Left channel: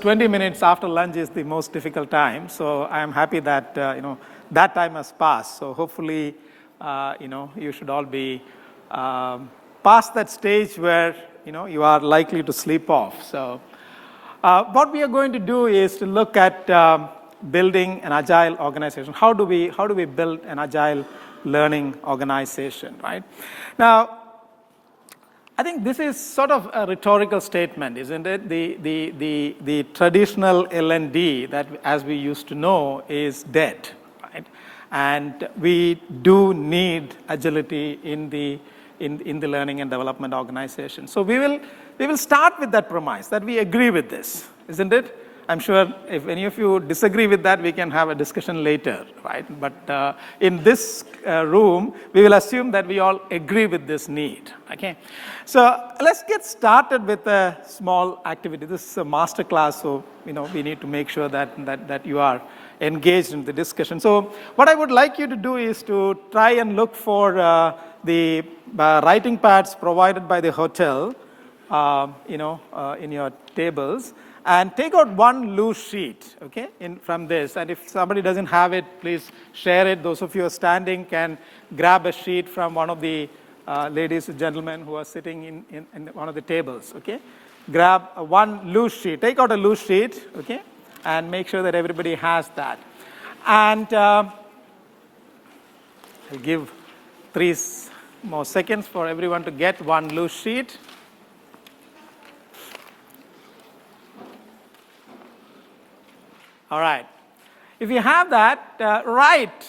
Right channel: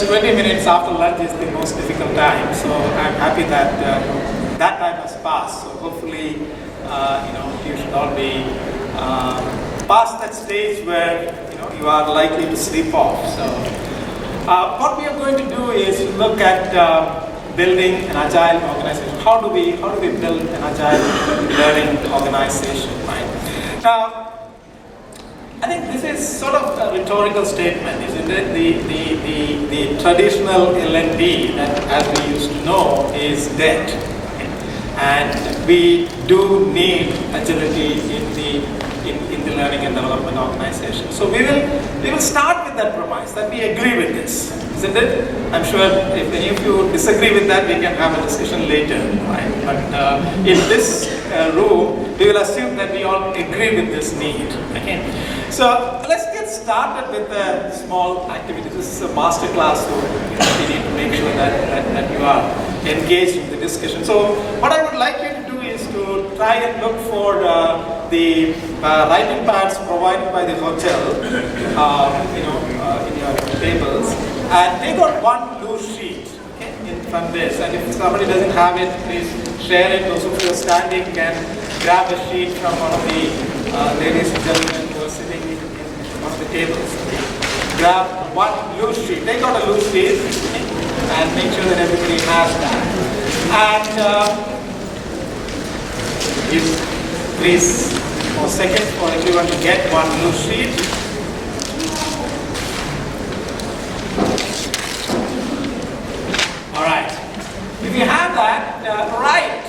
because 20 minutes after lunch is the most difficult time. So I'm happy that that time has passed. So hopefully, you should all be past that stage where you are likely to sleep off. So what we are going to do is to look at building an agile organization. How do we build an agile learning organization? Right? Now, I think this is sort of a rhetorical statement, isn't it? The traditional L&D, that as we used to know, is dead. And we do need agility in the learning and development organization. So we will start with that premise, that we agree with this, isn't it? I'm sure if any of you disagree with that, we can have a discussion later, right? But in this room, we will assume that we all agree with this need. Okay? So let's get started with a small activity. This is a masterclass, so we need to make sure that you are engaged in the discussion. So what I would like you to do is to try and look for the writing pads provided by the hotel, in your tables, and take out one loose sheet, okay, from this. And if somebody doesn't have it, please share it. Also, if you're standing, can grab a sheet from one of the ladies and gentlemen who are sitting in one of the tables. Grab one loose sheet. Take out a loose sheet and make sure that everybody has that. And please, for seconds for everyone to get one loose sheet. All right. If you have that, write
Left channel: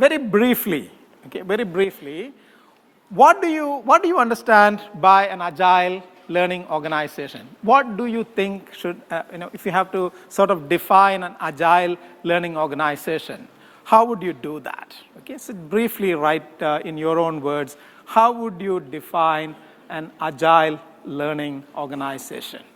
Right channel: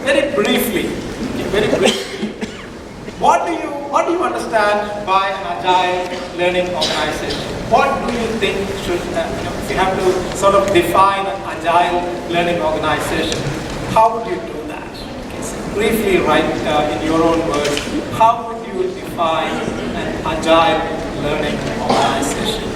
very briefly. What do you understand by agile learning organization? What do you think should, if you have to sort of define an agile learning organization, how would you do that? Briefly write in your own words, how would you define an agile learning organization?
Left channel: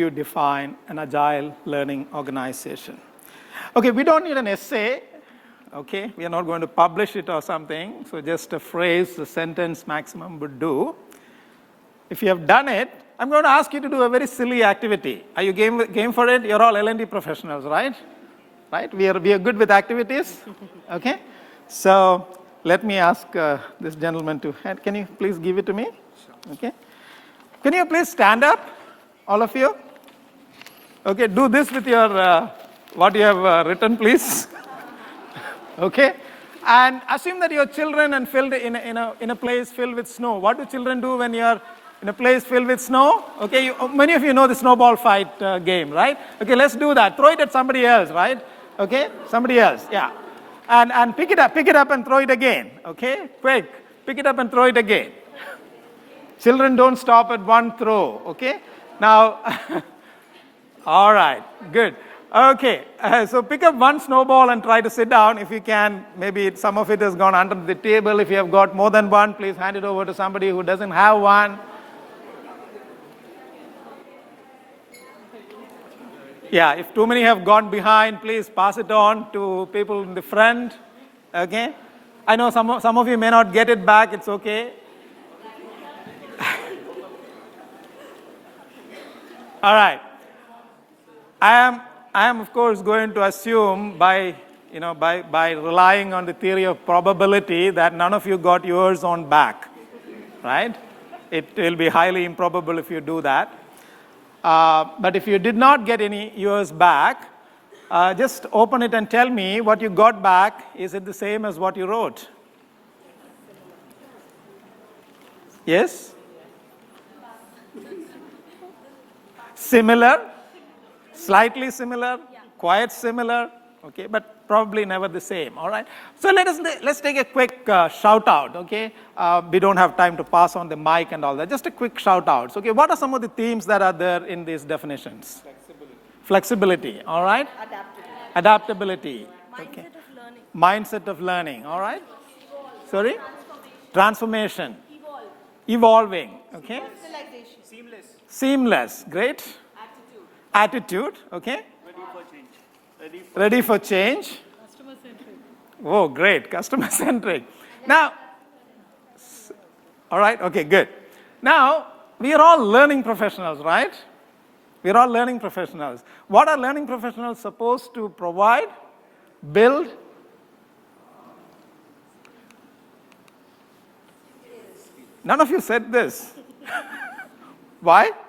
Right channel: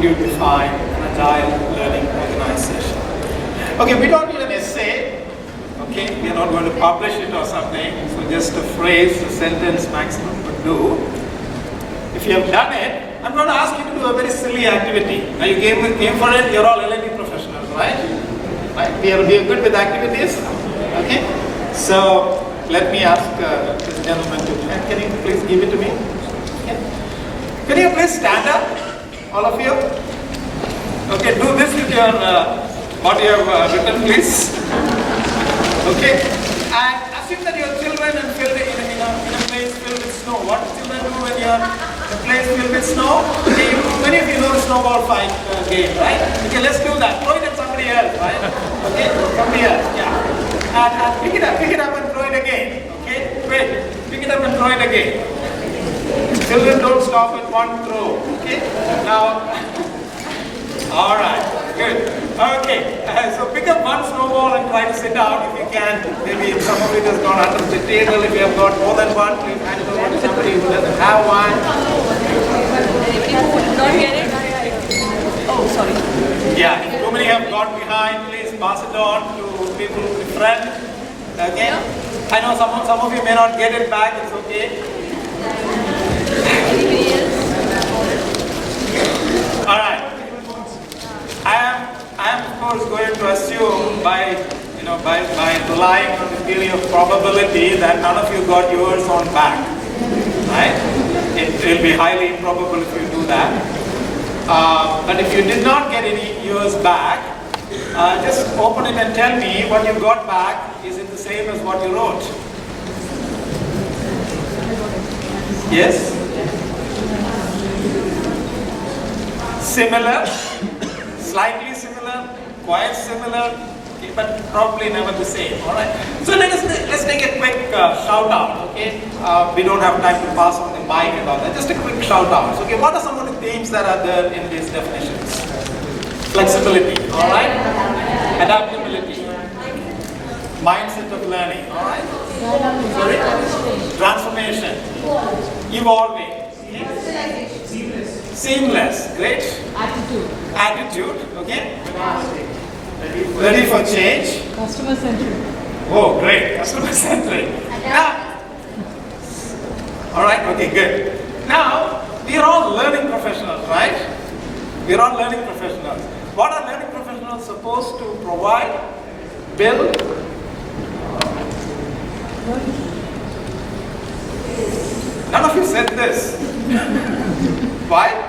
You define an agile learning organization. Okay, we don't need an essay. Okay, we're not going to publish it or something. So just a phrase, a sentence maximum would do. If you have done it, I'm going to ask you to do a very silly activity. Are you game for it? You're all L&D professionals, right? Right? We are good with activities. Okay. So let me ask this gentleman to. Can you please give it to me? Okay. Can you please stand up? All of you? Okay, do this with your, what you have written, please. Okay, and assume that your children and filled in a place filled with snow. What do children do when you're in a place filled with snow? Okay, many of you know the snowball fight game, right? Okay, let's do that. Throw it at somebody else, right? Okay, somebody else, yeah. And pick it up and throw it again. Okay, great. Pick it up and throw it again. Children don't stop at one throw. Okay. Now, all right, good. Okay, so pick up one snowball and try to sit down if you can. Maybe some of it has gone under the table. If you have got more than one, please hand it over to somebody who doesn't have one. Not get it? Oh, sorry. Yeah, if too many have gone behind, please pass it on to people with friends. Okay. I know some of you may not get it back. It's okay. All right. I am of course going to assume by relying on the theory of probability that none of you got yours on back. Right? It will be highly improbable if you do that. But if you did not get any yours back, just open it and tell me what you got back. Is it the same as what you wrote? Yes? Similar? Slightly similar? Quite similar? okay, but probably never the same. All right. So let's take a quick shout out. Okay, we don't have time to pass on the mic and all that. Just a quick shout out. Okay, what are some of the themes that are there in these definitions? Flexibility. All right. Adaptability. Mindset of learning. All right. Sorry. Transformation. Evolving. Okay. Seamless. Great. Attitude. Okay. Ready for change. Customer centric. Oh, great. Customer centric. Now, all right. Okay, good. Now, we are all learning professionals, right? We are all learning professionals. What are learning professionals supposed to provide? Build. None of you said this. Why?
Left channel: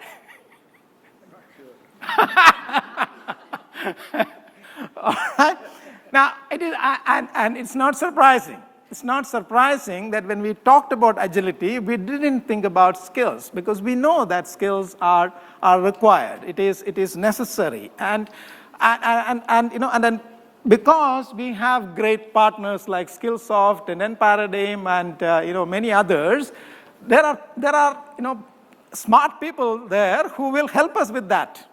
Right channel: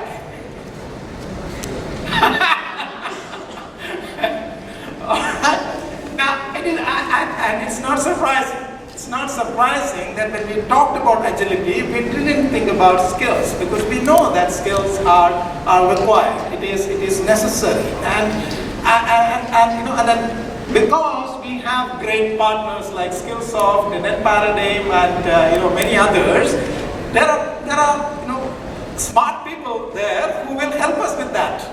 Now, and it's not surprising. It's not surprising that when we talked about agility, we didn't think about skills because we know that skills are required. It is necessary, and because we have great partners like Skillsoft and Paradigm and many others, there are smart people there who will help us with that.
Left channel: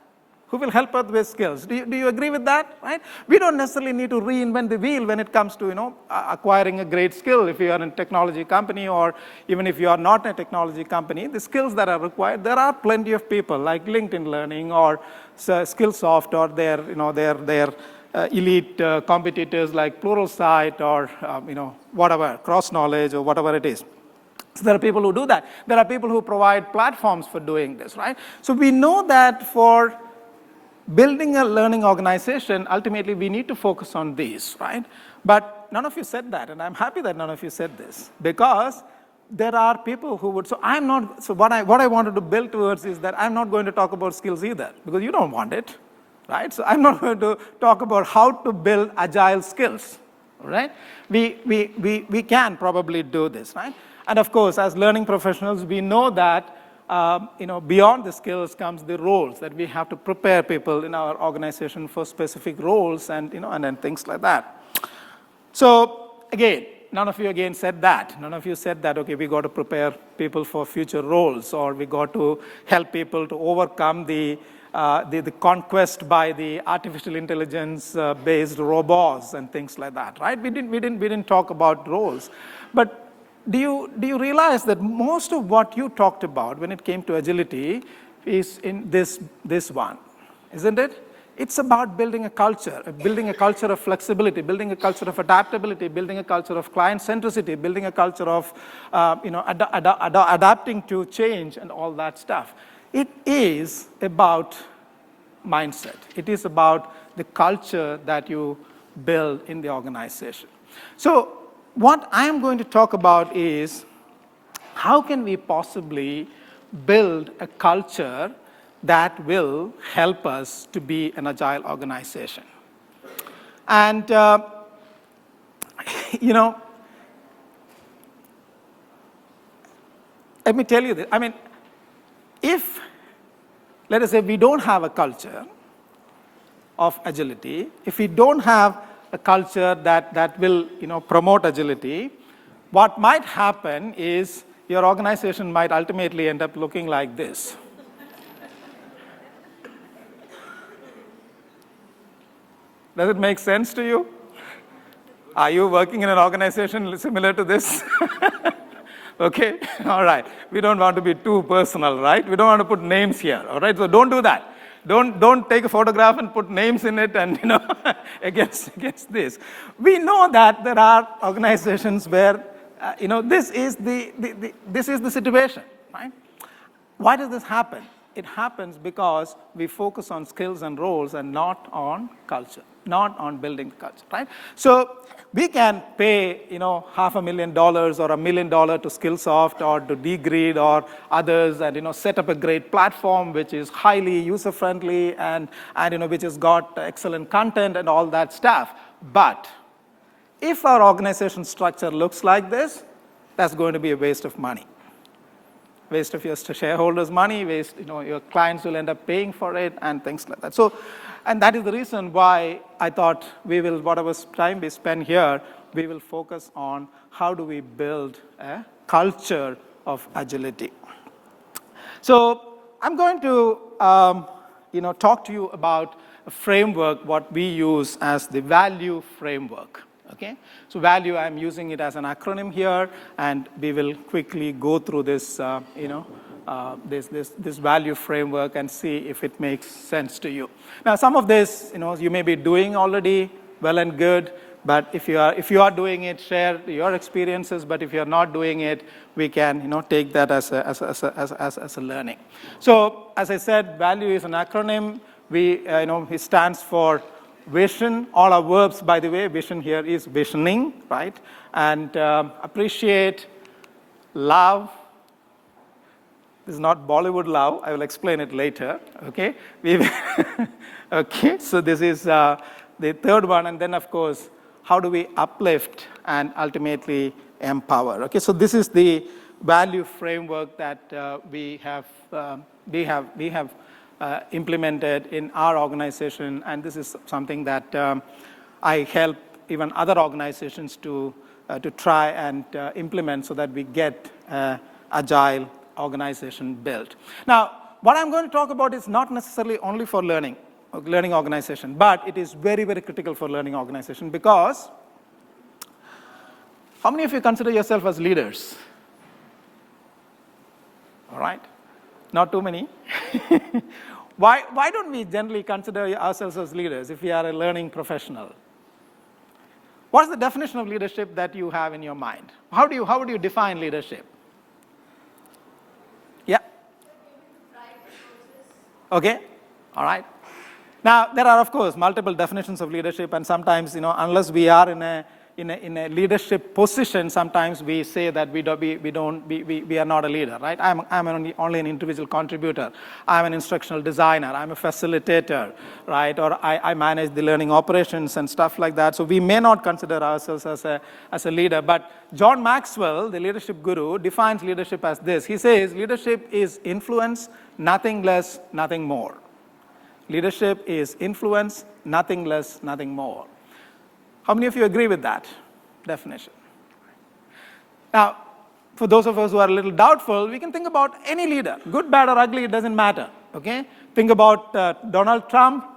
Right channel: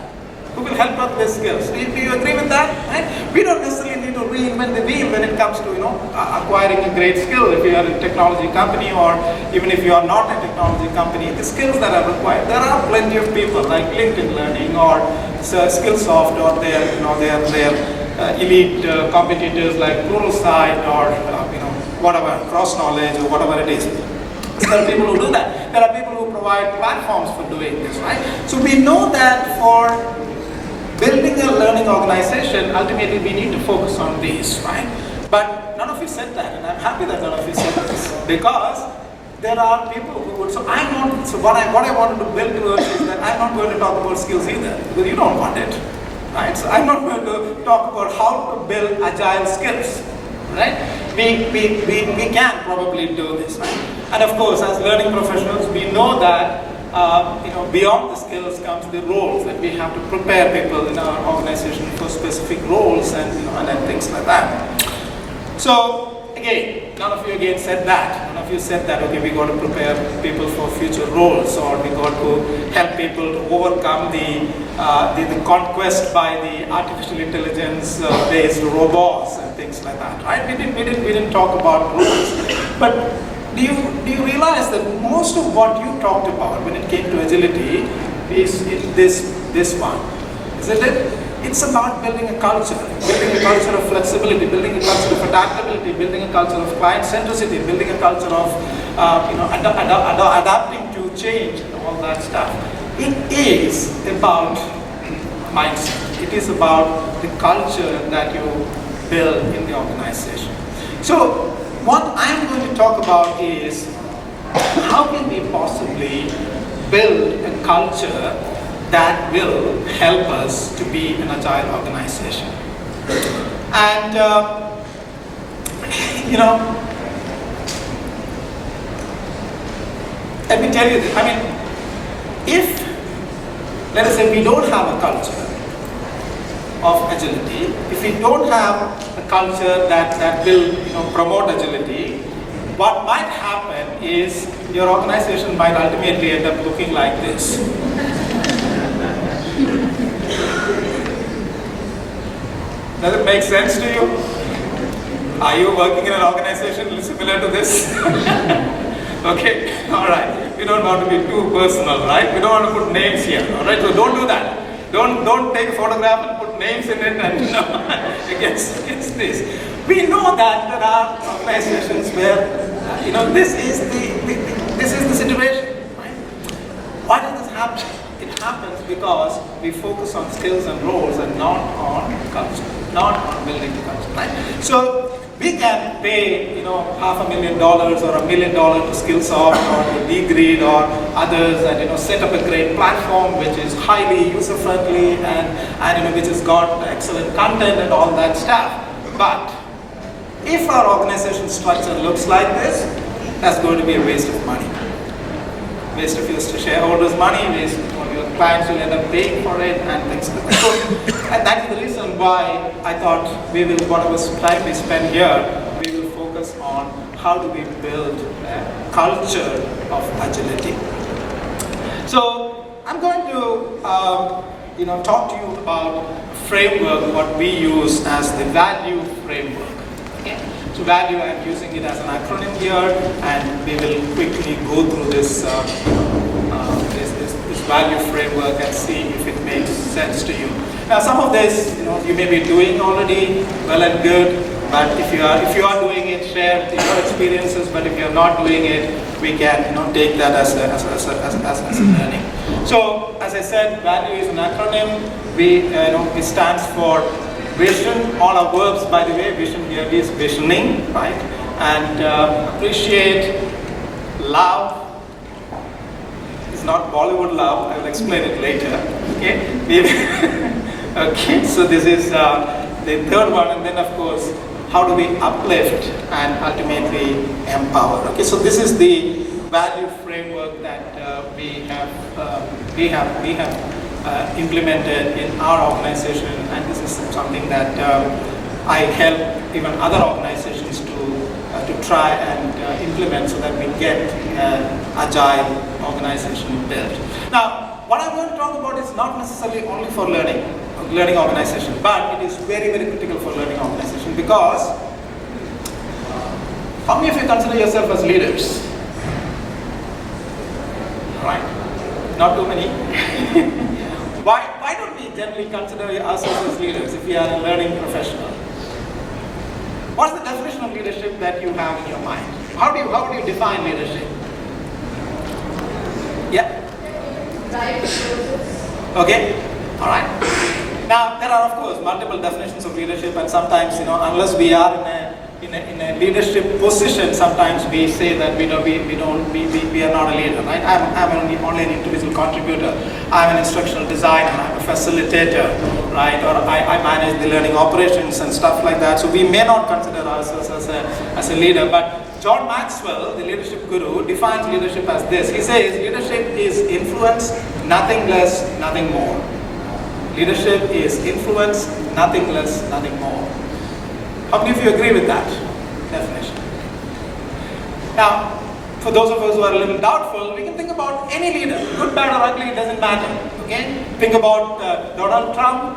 Who will help us with skills? Do you agree with that? Right? We don't necessarily need to reinvent the wheel when it comes to acquiring a great skill. If you are a technology company, or even if you are not a technology company, the skills that are required, there are plenty of people like LinkedIn Learning or Skillsoft or their elite competitors like Pluralsight or whatever, Cross Knowledge or whatever it is. There are people who do that. There are people who provide platforms for doing this, right? So we know that for building a learning organization, ultimately we need to focus on these, right? But none of you said that, and I'm happy that none of you said this, because there are people who would. So what I wanted to build towards is that I'm not going to talk about skills either, because you don't want it, right? So I'm not going to talk about how to build agile skills, right? We can probably do this, right? And of course, as learning professionals, we know that beyond the skills comes the roles, and we have to prepare people in our organization for specific roles and things like that. So again, none of you again said that. None of you said that okay, we got to prepare people for future roles, or we got to help people to overcome the conquest by the artificial intelligence based robots and things like that. Right? We didn't talk about roles, but do you realize that most of what you talked about when it came to agility is this one? Isn't it? It's about building a culture of flexibility, building a culture of adaptability, building a culture of client centricity, building a culture of adapting to change and all that stuff. It is about mindset. It is about the culture that you build in the organization. So what I'm going to talk about is how can we possibly build a culture that will help us to be an agile organization. And let me tell you this. If let us say we don't have a culture of agility, if we don't have a culture that will promote agility, what might happen is your organization might ultimately end up looking like this. Does it make sense to you? Are you working in an organization similar to this? Okay, all right. We don't want to be too personal, right? We don't want to put names here, all right? So don't do that. Don't take a photograph and put names in it and it's this. We know that there are organizations where this is the situation, right? Why does this happen? It happens because we focus on skills and roles and not on culture, not on building the culture, right? So we can pay $500,000 or $1 million to Skillsoft or to Degreed or others and set up a great platform which is highly user friendly and which has got excellent content and all that stuff. But if our organization structure looks like this, that's going to be a waste of money. Waste of your shareholders' money, waste of your clients will end up paying for it and things like that. So, and that's the reason why I thought we will, whatever time we spend here, we will focus on how do we build a culture of agility. So I'm going to talk to you about framework, what we use as the value framework. Okay. So value, I'm using it as an acronym here, and we will quickly go through this this value framework and see if it makes sense to you. Now, some of this, you may be doing already, well and good. But if you are doing it, share your experiences. But if you are not doing it, we can take that as a learning. So, as I said, value is an acronym. It stands for vision. All our verbs, by the way, vision here is visioning, right? And appreciate, love. It's not Bollywood love. I will explain it later. Okay. Okay. So this is the third one, and then of course, how do we uplift and ultimately empower? Okay. So this is the value framework that we have implemented in our organization, and this is something that I help even other organizations to try and implement so that we get an agile organization built. Now, what I'm going to talk about is not necessarily only for learning organization, but it is very, very critical for learning organization because how many of you consider yourself as leaders? Right? Not too many. Why don't we generally consider ourselves as leaders if we are a learning professional? What's the definition of leadership that you have in your mind? How do you define leadership? Yeah? Okay? Alright. Now, there are, of course, multiple definitions of leadership, and sometimes, unless we are in a leadership position, sometimes we say that we are not a leader, right? I'm only an individual contributor. I'm an instructional designer, I'm a facilitator, right? Or I manage the learning operations and stuff like that. So we may not consider ourselves as a leader, but John Maxwell, the leadership guru, defines leadership as this. He says leadership is influence, nothing less, nothing more. Leadership is influence, nothing less, nothing more. How many of you agree with that definition? Now, for those of us who are a little doubtful, we can think about any leader. Good, bad, or ugly, it doesn't matter. Okay? Think about Donald Trump.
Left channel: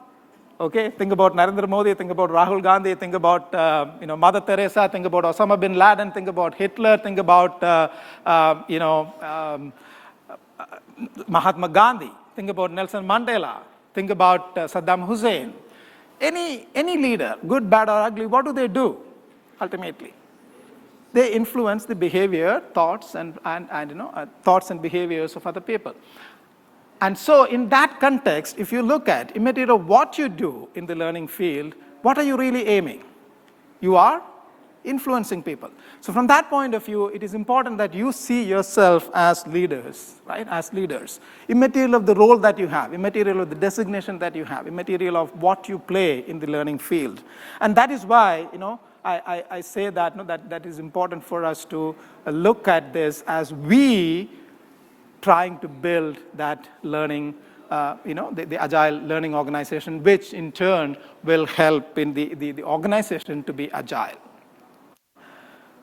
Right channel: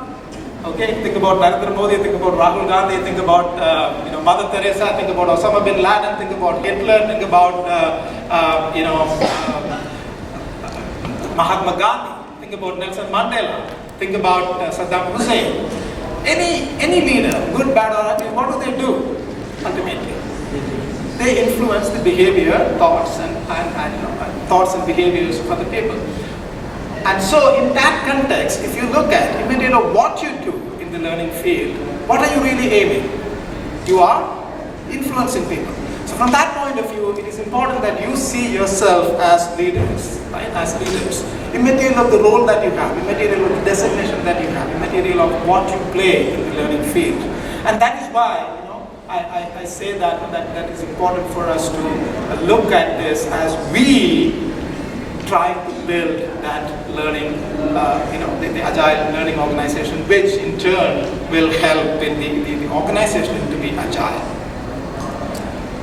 Okay? Think about Narendra Modi. Think about Rahul Gandhi. Think about Mother Teresa. Think about Osama bin Laden. Think about Hitler. Think about Mahatma Gandhi. Think about Nelson Mandela. Think about Saddam Hussein. Any leader, good, bad, or ugly, what do? Ultimately, they influence the behavior, thoughts, and thoughts and behaviors of other people. And so, in that context, if you look at what you do in the learning field, what are you really aiming? You are influencing people. So, from that point of view, it is important that you see yourself as leaders, right? As leaders. Immaterial of the role that you have, immaterial of the designation that you have, immaterial of what you play in the learning field. And that is why, I say that is important for us to look at this as we try to build that learning, the agile learning organization, which in turn will help in the organization to be agile.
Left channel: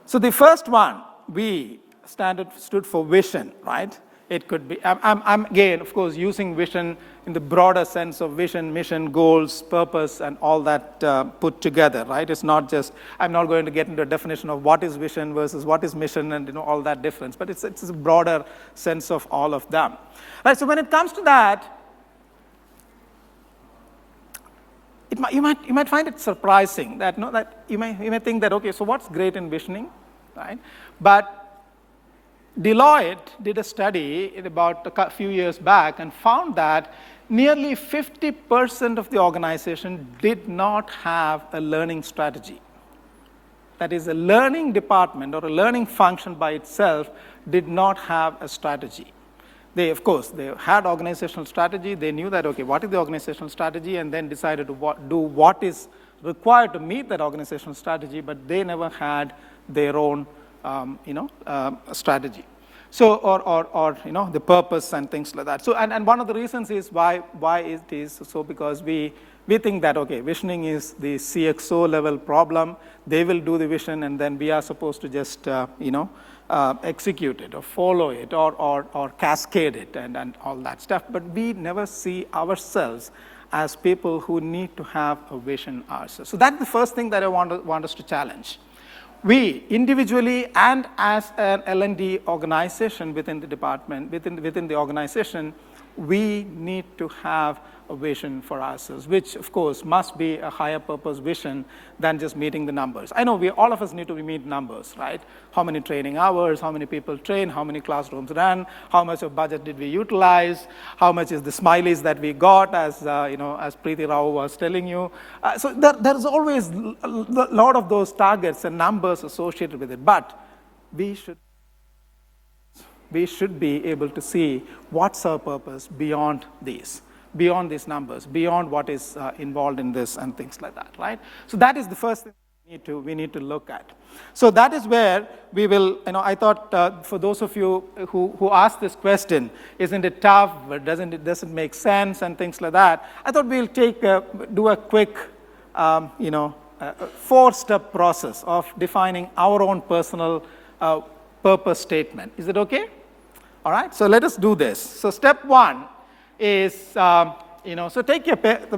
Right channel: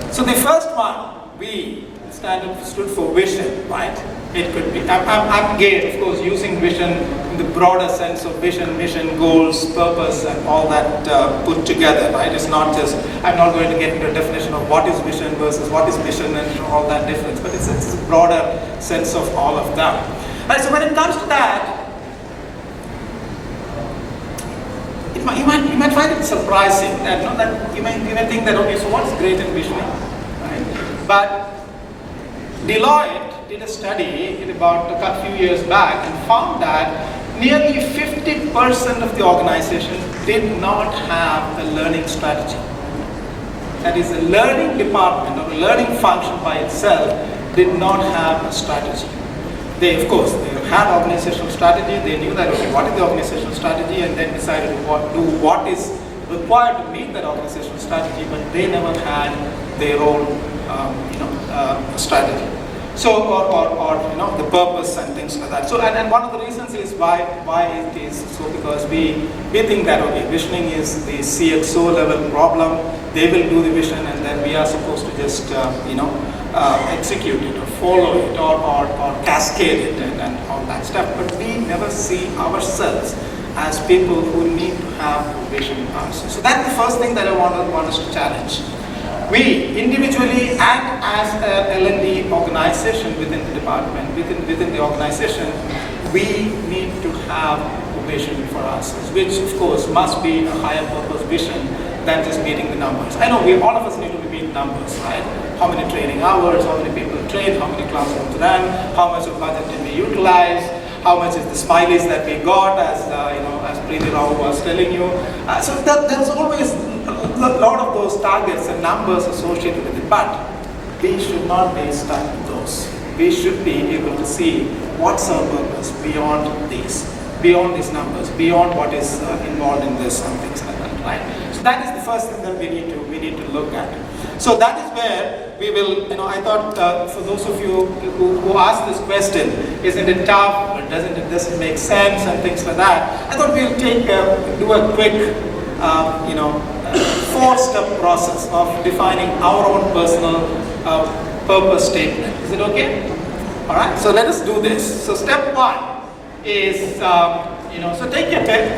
So the first one, V, stood for vision, right? It could be, I'm again, of course, using vision in the broader sense of vision, mission, goals, purpose, and all that put together, right? It's not just, I'm not going to get into a definition of what is vision versus what is mission and all that difference, but it's a broader sense of all of that. But so when it comes to that, you might find it surprising that you might think that, okay, so what's great in visioning, right? But Deloitte did a study about a few years back and found that nearly 50% of the organization did not have a learning strategy. That is, a learning department or learning function by itself did not have a strategy. They, of course, they had organizational strategy, they knew that, okay, what is the organizational strategy, and then decided to do what is required to meet that organizational strategy, but they never had their own strategy. So, or the purpose and things like that. So, and one of the reasons is why it is so, because we think that, okay, visioning is the CXO level problem. They will do the vision, and then we are supposed to just execute it or follow it or cascade it and all that stuff. But we never see ourselves as people who need to have a vision ourselves. So that's the first thing that I want us to challenge. We individually and as an L&D organization within the department, within the organization, we need to have a vision for ourselves, which of course must be a higher purpose vision than just meeting the numbers. I know all of us need to meet numbers, right? How many training hours, how many people train, how many classrooms run, how much of budget did we utilize, how much is the smileys that we got, as Preeti Rao was telling you. So there's always a lot of those targets and numbers associated with it, but we should not be stuck to those. We should be able to see what's our purpose beyond these numbers, beyond what is involved in this and things like that, right? So that is the first thing that we need to look at. So that is where we will, I thought for those of you who asked this question, isn't it tough, or does it make sense and things like that, I thought we'll do a quick, 4-step process of defining our own personal purpose statement. Is it okay? All right, so let us do this. So step 1 is, so take a pen,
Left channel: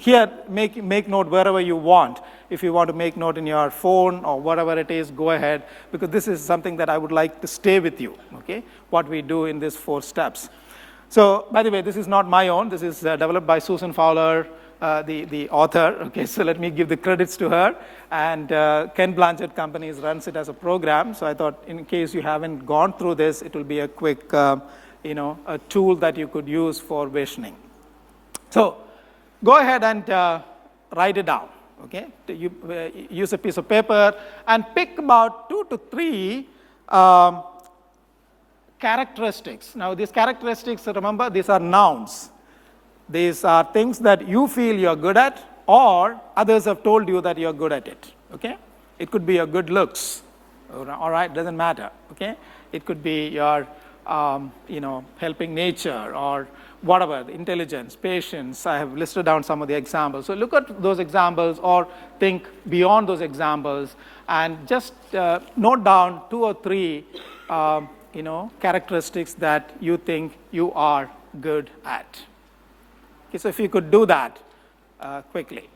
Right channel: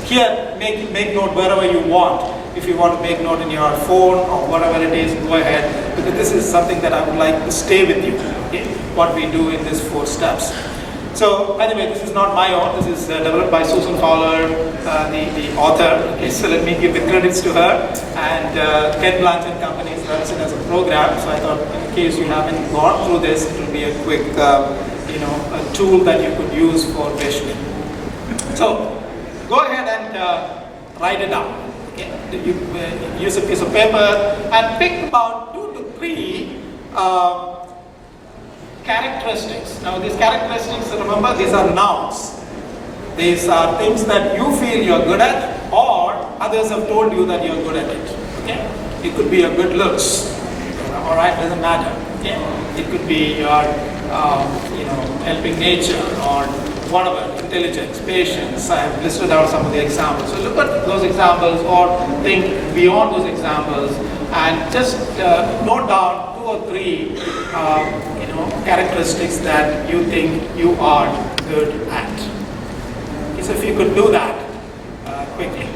here, make note wherever you want. If you want to make note in your phone or whatever it is, go ahead. Because this is something that I would like to stay with you, okay? What we do in these 4 steps. So, by the way, this is not my own. This is developed by Susan Fowler, the author. So let me give the credits to her. And Ken Blanch and Company is as a program. So I thought, in case you haven't gone through this, it will be a quick, a tool that you could use for visioning. So, go ahead and write it down. Okay? You use a piece of paper and pick about 2 to 3 characteristics. Now these characteristics, remember, these are nouns. These are things that you feel you're good at, or others have told you that you're good at it. Okay? It could be your good looks. All right, doesn't matter. Okay? It could be your, helping nature or whatever, intelligence, patience. I have listed out some of the examples. So look at those examples or think beyond those examples and just note down 2 or 3 characteristics that you think you are good at. So if you could do that quickly.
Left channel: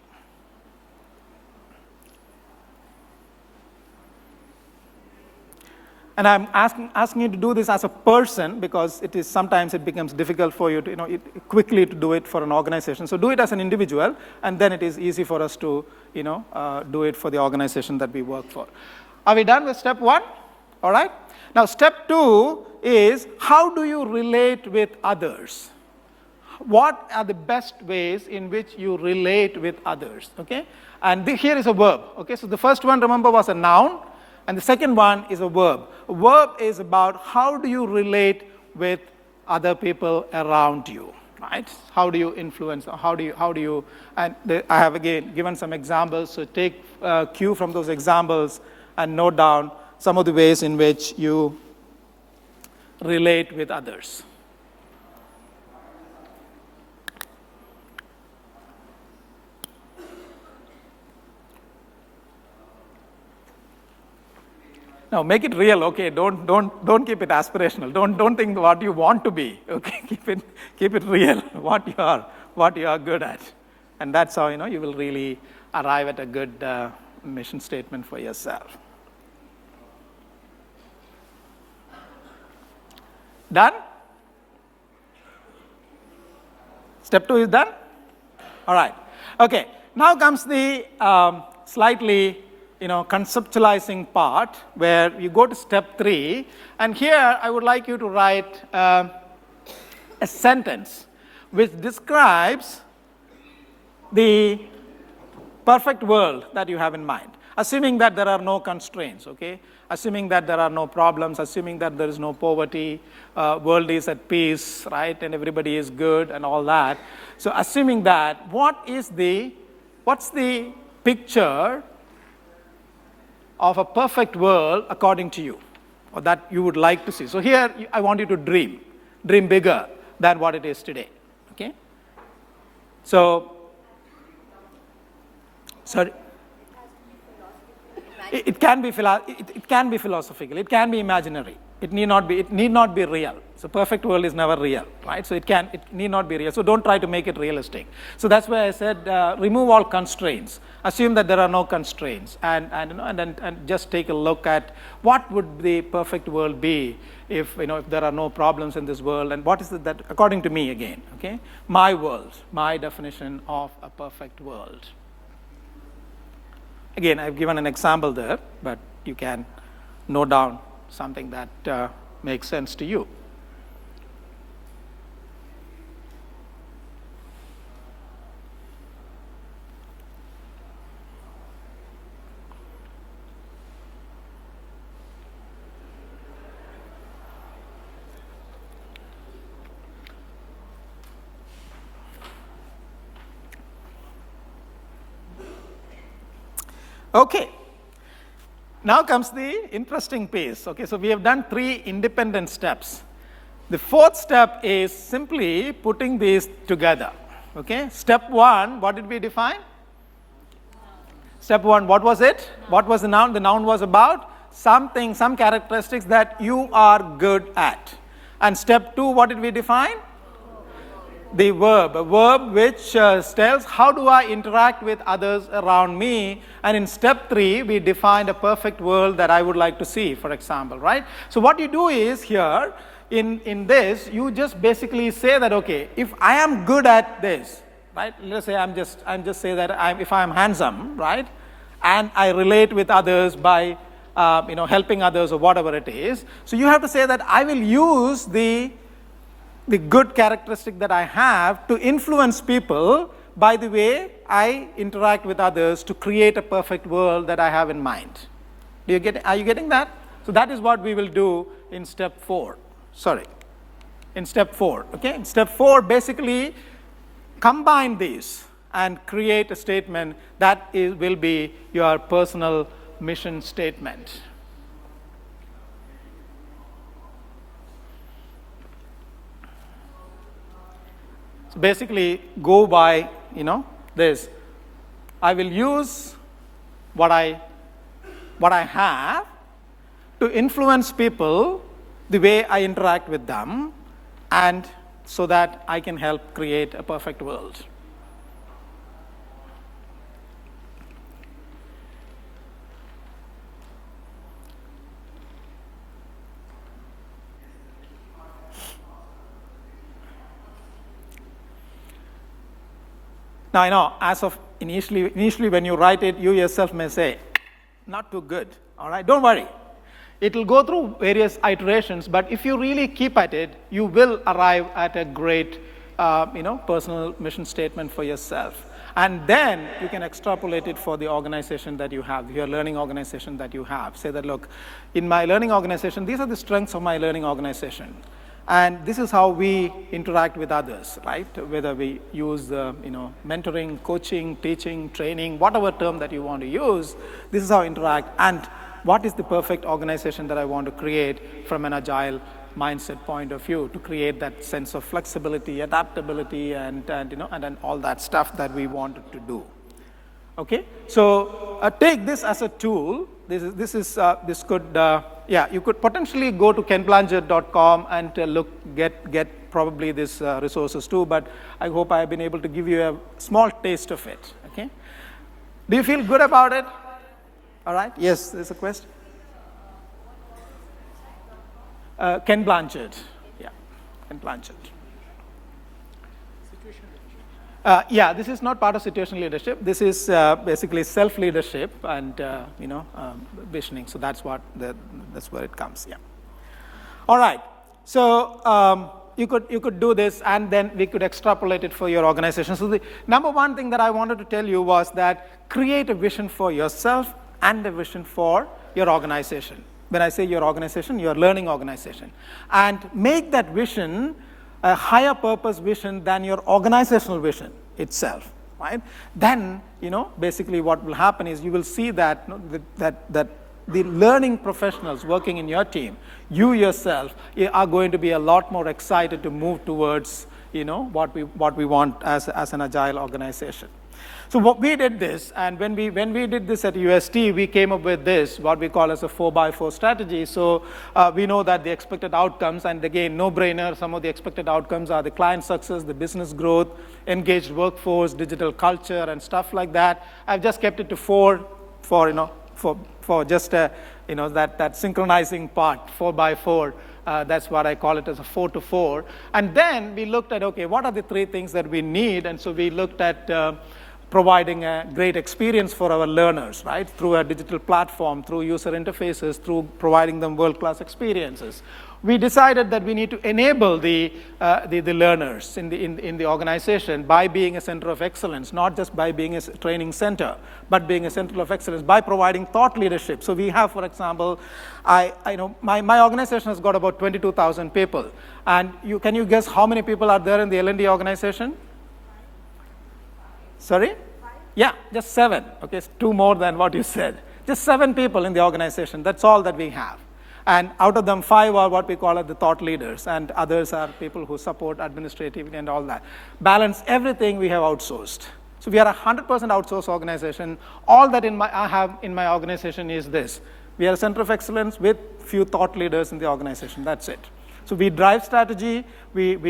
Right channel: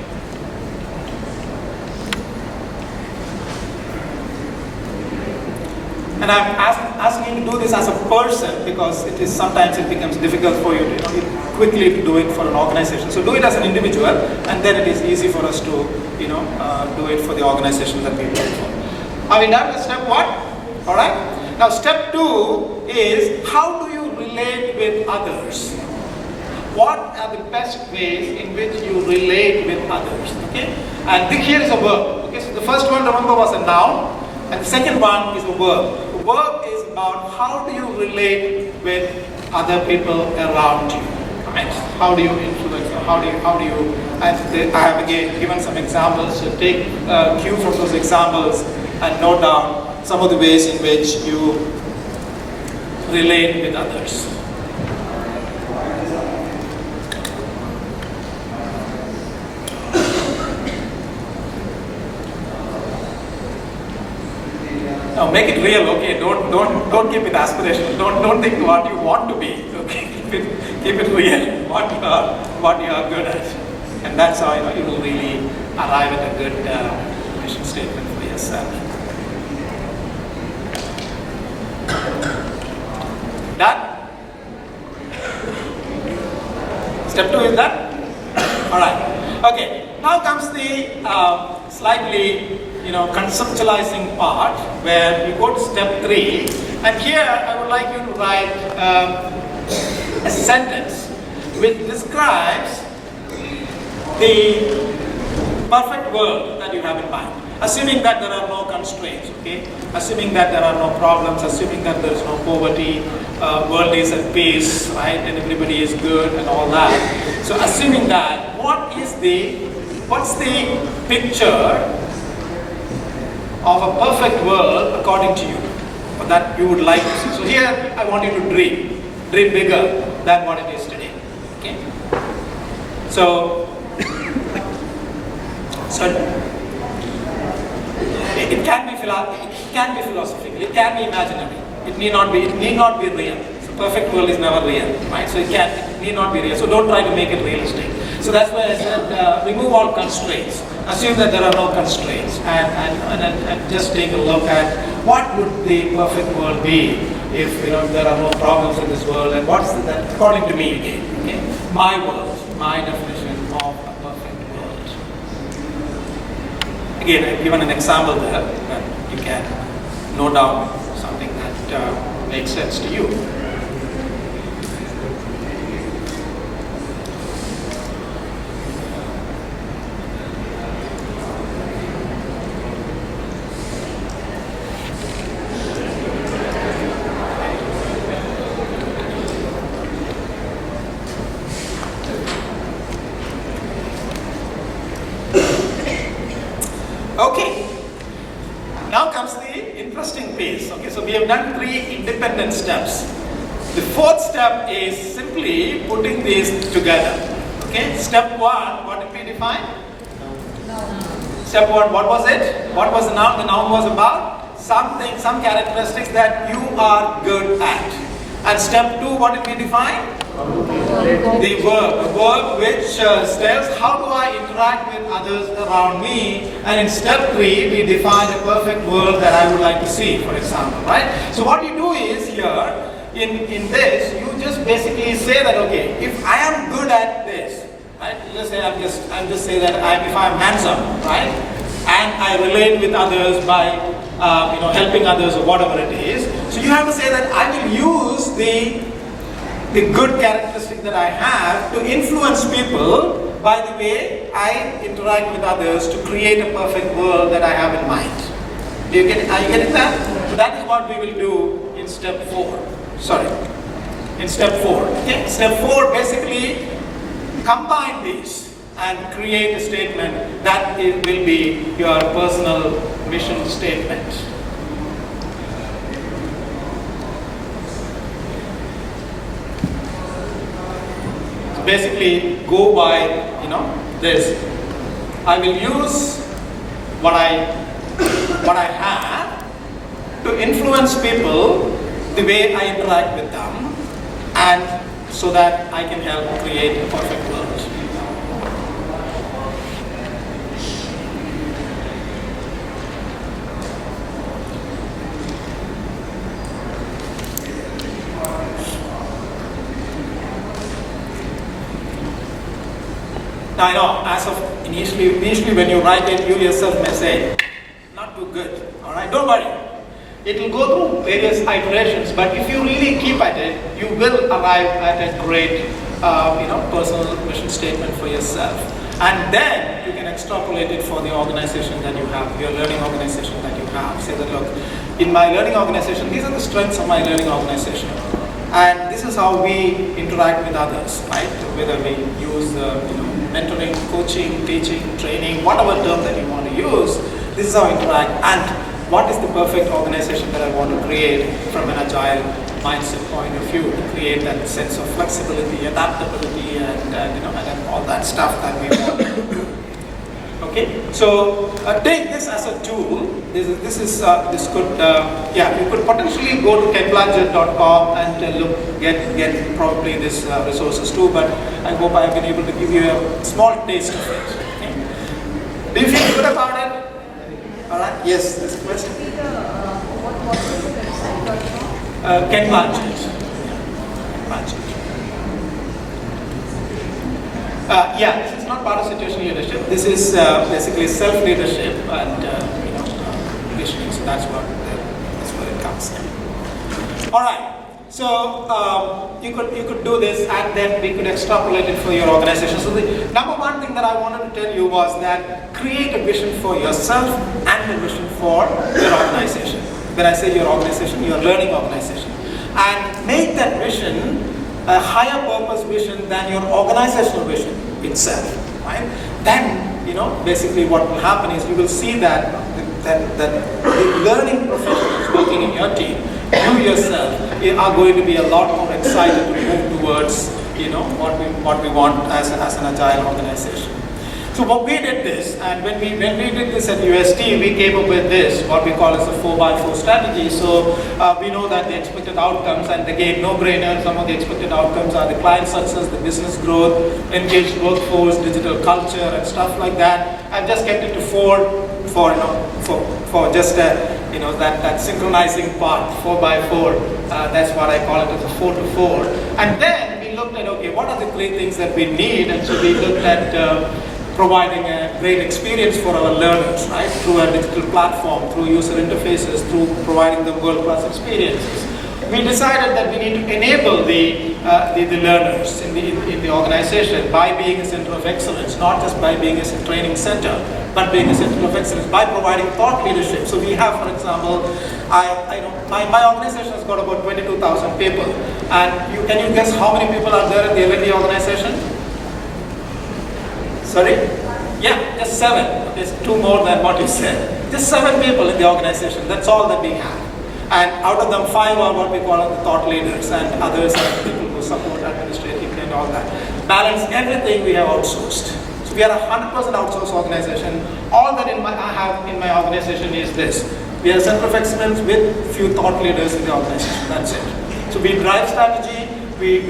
And I'm asking you to do this as a person because sometimes it becomes difficult for you to quickly do it for an organization. So do it as an individual, and then it is easy for us to do it for the organization that we work for. Are we done with step 1? All right. Now step 2 is how do you relate with others? What are the best ways in which you relate with others? Okay? And here's a verb. Okay, so the first one, remember, was a noun. And the second one is a verb. The verb is about how do you relate with other people around you. Right? How do you influence? How do you? And I have again given some examples. So take cue from those examples and note down some of the ways in which you relate with others. Now make it real, okay? Don't keep it aspirational. Don't think what you want to be. Okay? Keep it real. What you are good at, and that's how you will really arrive at a good mission statement for yourself. Done? Step 2 is done? All right. Okay. Now comes the slightly conceptualizing part where we go to step 3, and here I would like you to write a sentence which describes the perfect world that you have in mind, assuming that there are no constraints, okay? Assuming that there are no problems, assuming that there is no poverty, world is at peace, right? And everybody is good and all that. So assuming that, what's the picture of a perfect world according to you, or that you would like to see? So here I want you to dream bigger than what it is today. Okay? So it can be philosophical, it can be imaginary, it need not be real. The perfect world is never real, right? So it need not be real. So don't try to make it realistic. So that's why I said remove all constraints. Assume that there are no constraints, and just take a look at what would the perfect world be if there are no problems in this world, and what's that according to me again. Okay? My world, my definition of a perfect world. Again, I've given an example there, but you can note down something that makes sense to you. Okay, now comes the interesting piece. Okay, so we have done 3 independent steps. The 4th step is simply putting these together. Okay, step 1, what did we define? Step 1, what was it? What was the noun? The noun was about something, some characteristics that you are good at. And step 2, what did we define? The verb which tells how do I interact with others around me, and in step 3 we define the perfect world that I would like to see, for example, right? So what you do is here in this, you just basically say that okay, if I am good at this, right? Let's say I'm just say that if I'm handsome, right, and I relate with others by helping others or whatever it is. So you have to say that I will use the good characteristic that I have to influence people by the way I interact with others to create a perfect world that I have in mind. Are you getting that? That is what we will do in step 4. In step 4. Okay? Step 4 basically combine these and create a statement that will be your personal mission statement. Basically go by this. I will use what I have to influence people the way I interact with them, and so that I can help create a perfect world. Now I know, as of initially when you write it, you yourself may say, not too good. All right, don't worry. It will go through various iterations, but if you really keep at it, you will arrive at a great, personal mission statement for yourself. And then you can extrapolate it for the organization that you have, your learning organization that you have. Say that, look, in my learning organization, these are the strengths of my learning organization. And this is how we interact with others, right? Whether we use mentoring, coaching, teaching, training, whatever term that you want to use, this is how we interact. And what is the perfect organization that I want to create from an agile mindset point of view, to create that sense of flexibility, adaptability, and all that stuff that we want to do. Okay, so take this as a tool. You could potentially go to PMLnD.com and get probably this resources too. But I hope I've been able to give you a small taste of it. Okay. Do you feel good about it? All right. Yes. This question. What was the website? PMLnD. This is not part of situation leadership. This is basically self-leadership and leadership. So that's where it comes. All right. So you could do this, and then you could extrapolate it for your organization. So the number one thing that I wanted to tell you was that create a vision for yourself and a vision for your organization. When I say your organization, your learning organization, and make that vision a higher purpose vision than your organizational vision itself, right? Then, basically what will happen is you will see that the learning professionals working in your team, you yourself, are going to be a lot more excited to move towards what we want as an agile organization. So what we did this, and when we did this at UST, we came up with this, what we call as the 4x4 strategy. So we know that the expected outcomes, and again, no-brainers, some of the expected outcomes are the client success, the business growth, engaged workforce, digital culture, and stuff like that. I just kept it to 4 for just that synchronizing part, 4x4. That's what I call it as a 4 to 4. And then we looked at, okay, what are the 3 things that we need? And so we looked at providing a great experience for our learners, right? Through a digital platform, through user interfaces, through providing them world-class experiences. We decided that we need to enable the learners in the organization by being a center of excellence, not just by being a training center, but being a center of excellence by providing thought leadership. So we have, for example, my organization has got about 22,000 people, and can you guess how many people are there in the L&D organization? Sorry? Yeah, just 7. There's 2 more than what you said. There's 7 people in the organization. That's all that we have. And out of them, 5 are what we call the thought leaders, and others are people who support administrative and all that. Balance everything we have outsourced. So we are a 100% outsourced organization. All that I have in my organization is this. We are a center of excellence with few thought leaders in the organization. That's it. So we drive strategy, we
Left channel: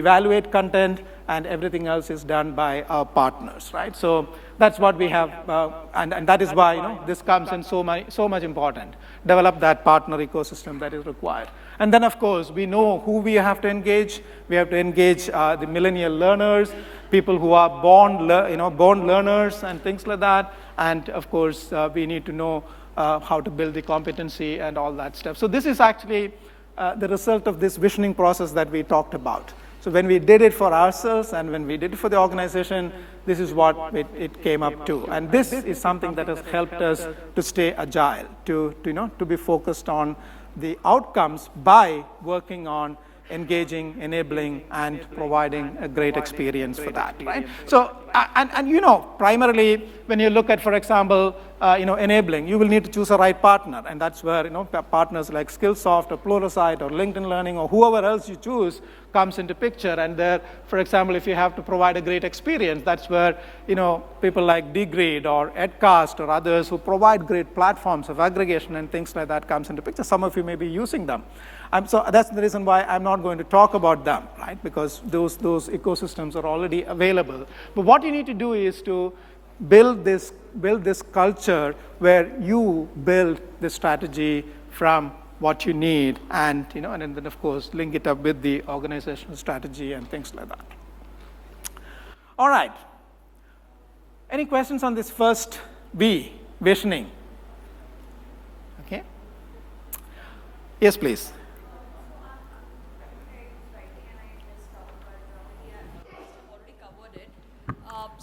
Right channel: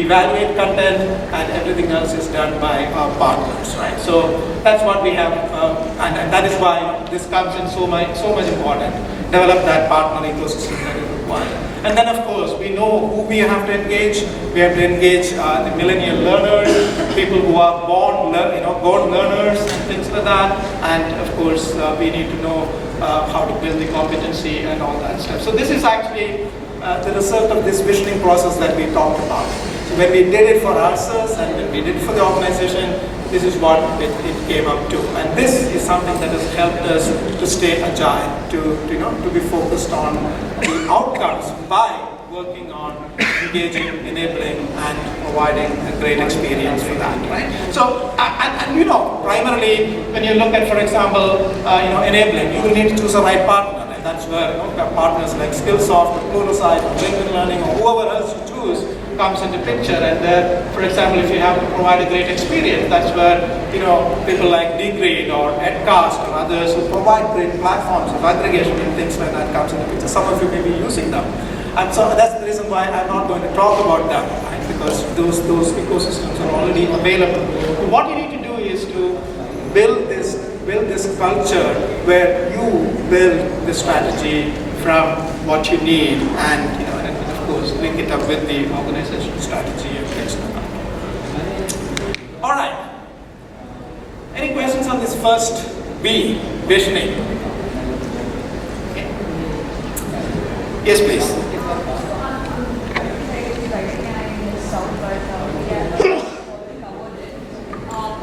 evaluate content, and everything else is done by our partners, right? So that's what we have, and that is why this comes in so much important. Develop that partner ecosystem that is required. And then, of course, we know who we have to engage. We have to engage the millennial learners, people who are born learners, and things like that. And of course, we need to know how to build the competency and all that stuff. So this is actually the result of this visioning process that we talked about. When we did it for ourselves and when we did it for the organization, this is what it came up to. And this is something that has helped us to stay agile, to be focused on the outcomes by working on engaging, enabling, and providing a great experience for that, right? So, and primarily, when you look at, for example, enabling, you need to choose the right partner, and that's where partners like Skillsoft, or Pluralsight, or LinkedIn Learning, or whoever else you choose comes into picture. And then, for example, if you have to provide a great experience, that's where people like Degrade or Edcast or others who provide great platforms of aggregation and things like that comes into picture. Some of you may be using them. And so that's the reason why I'm not going to talk about them, right? Because those ecosystems are already available. But what you need to do is to build this culture where you build the strategy from what you need and of course make it up with the organization strategy and things like that. All right. Any questions on this first B, visioning? Yes, please.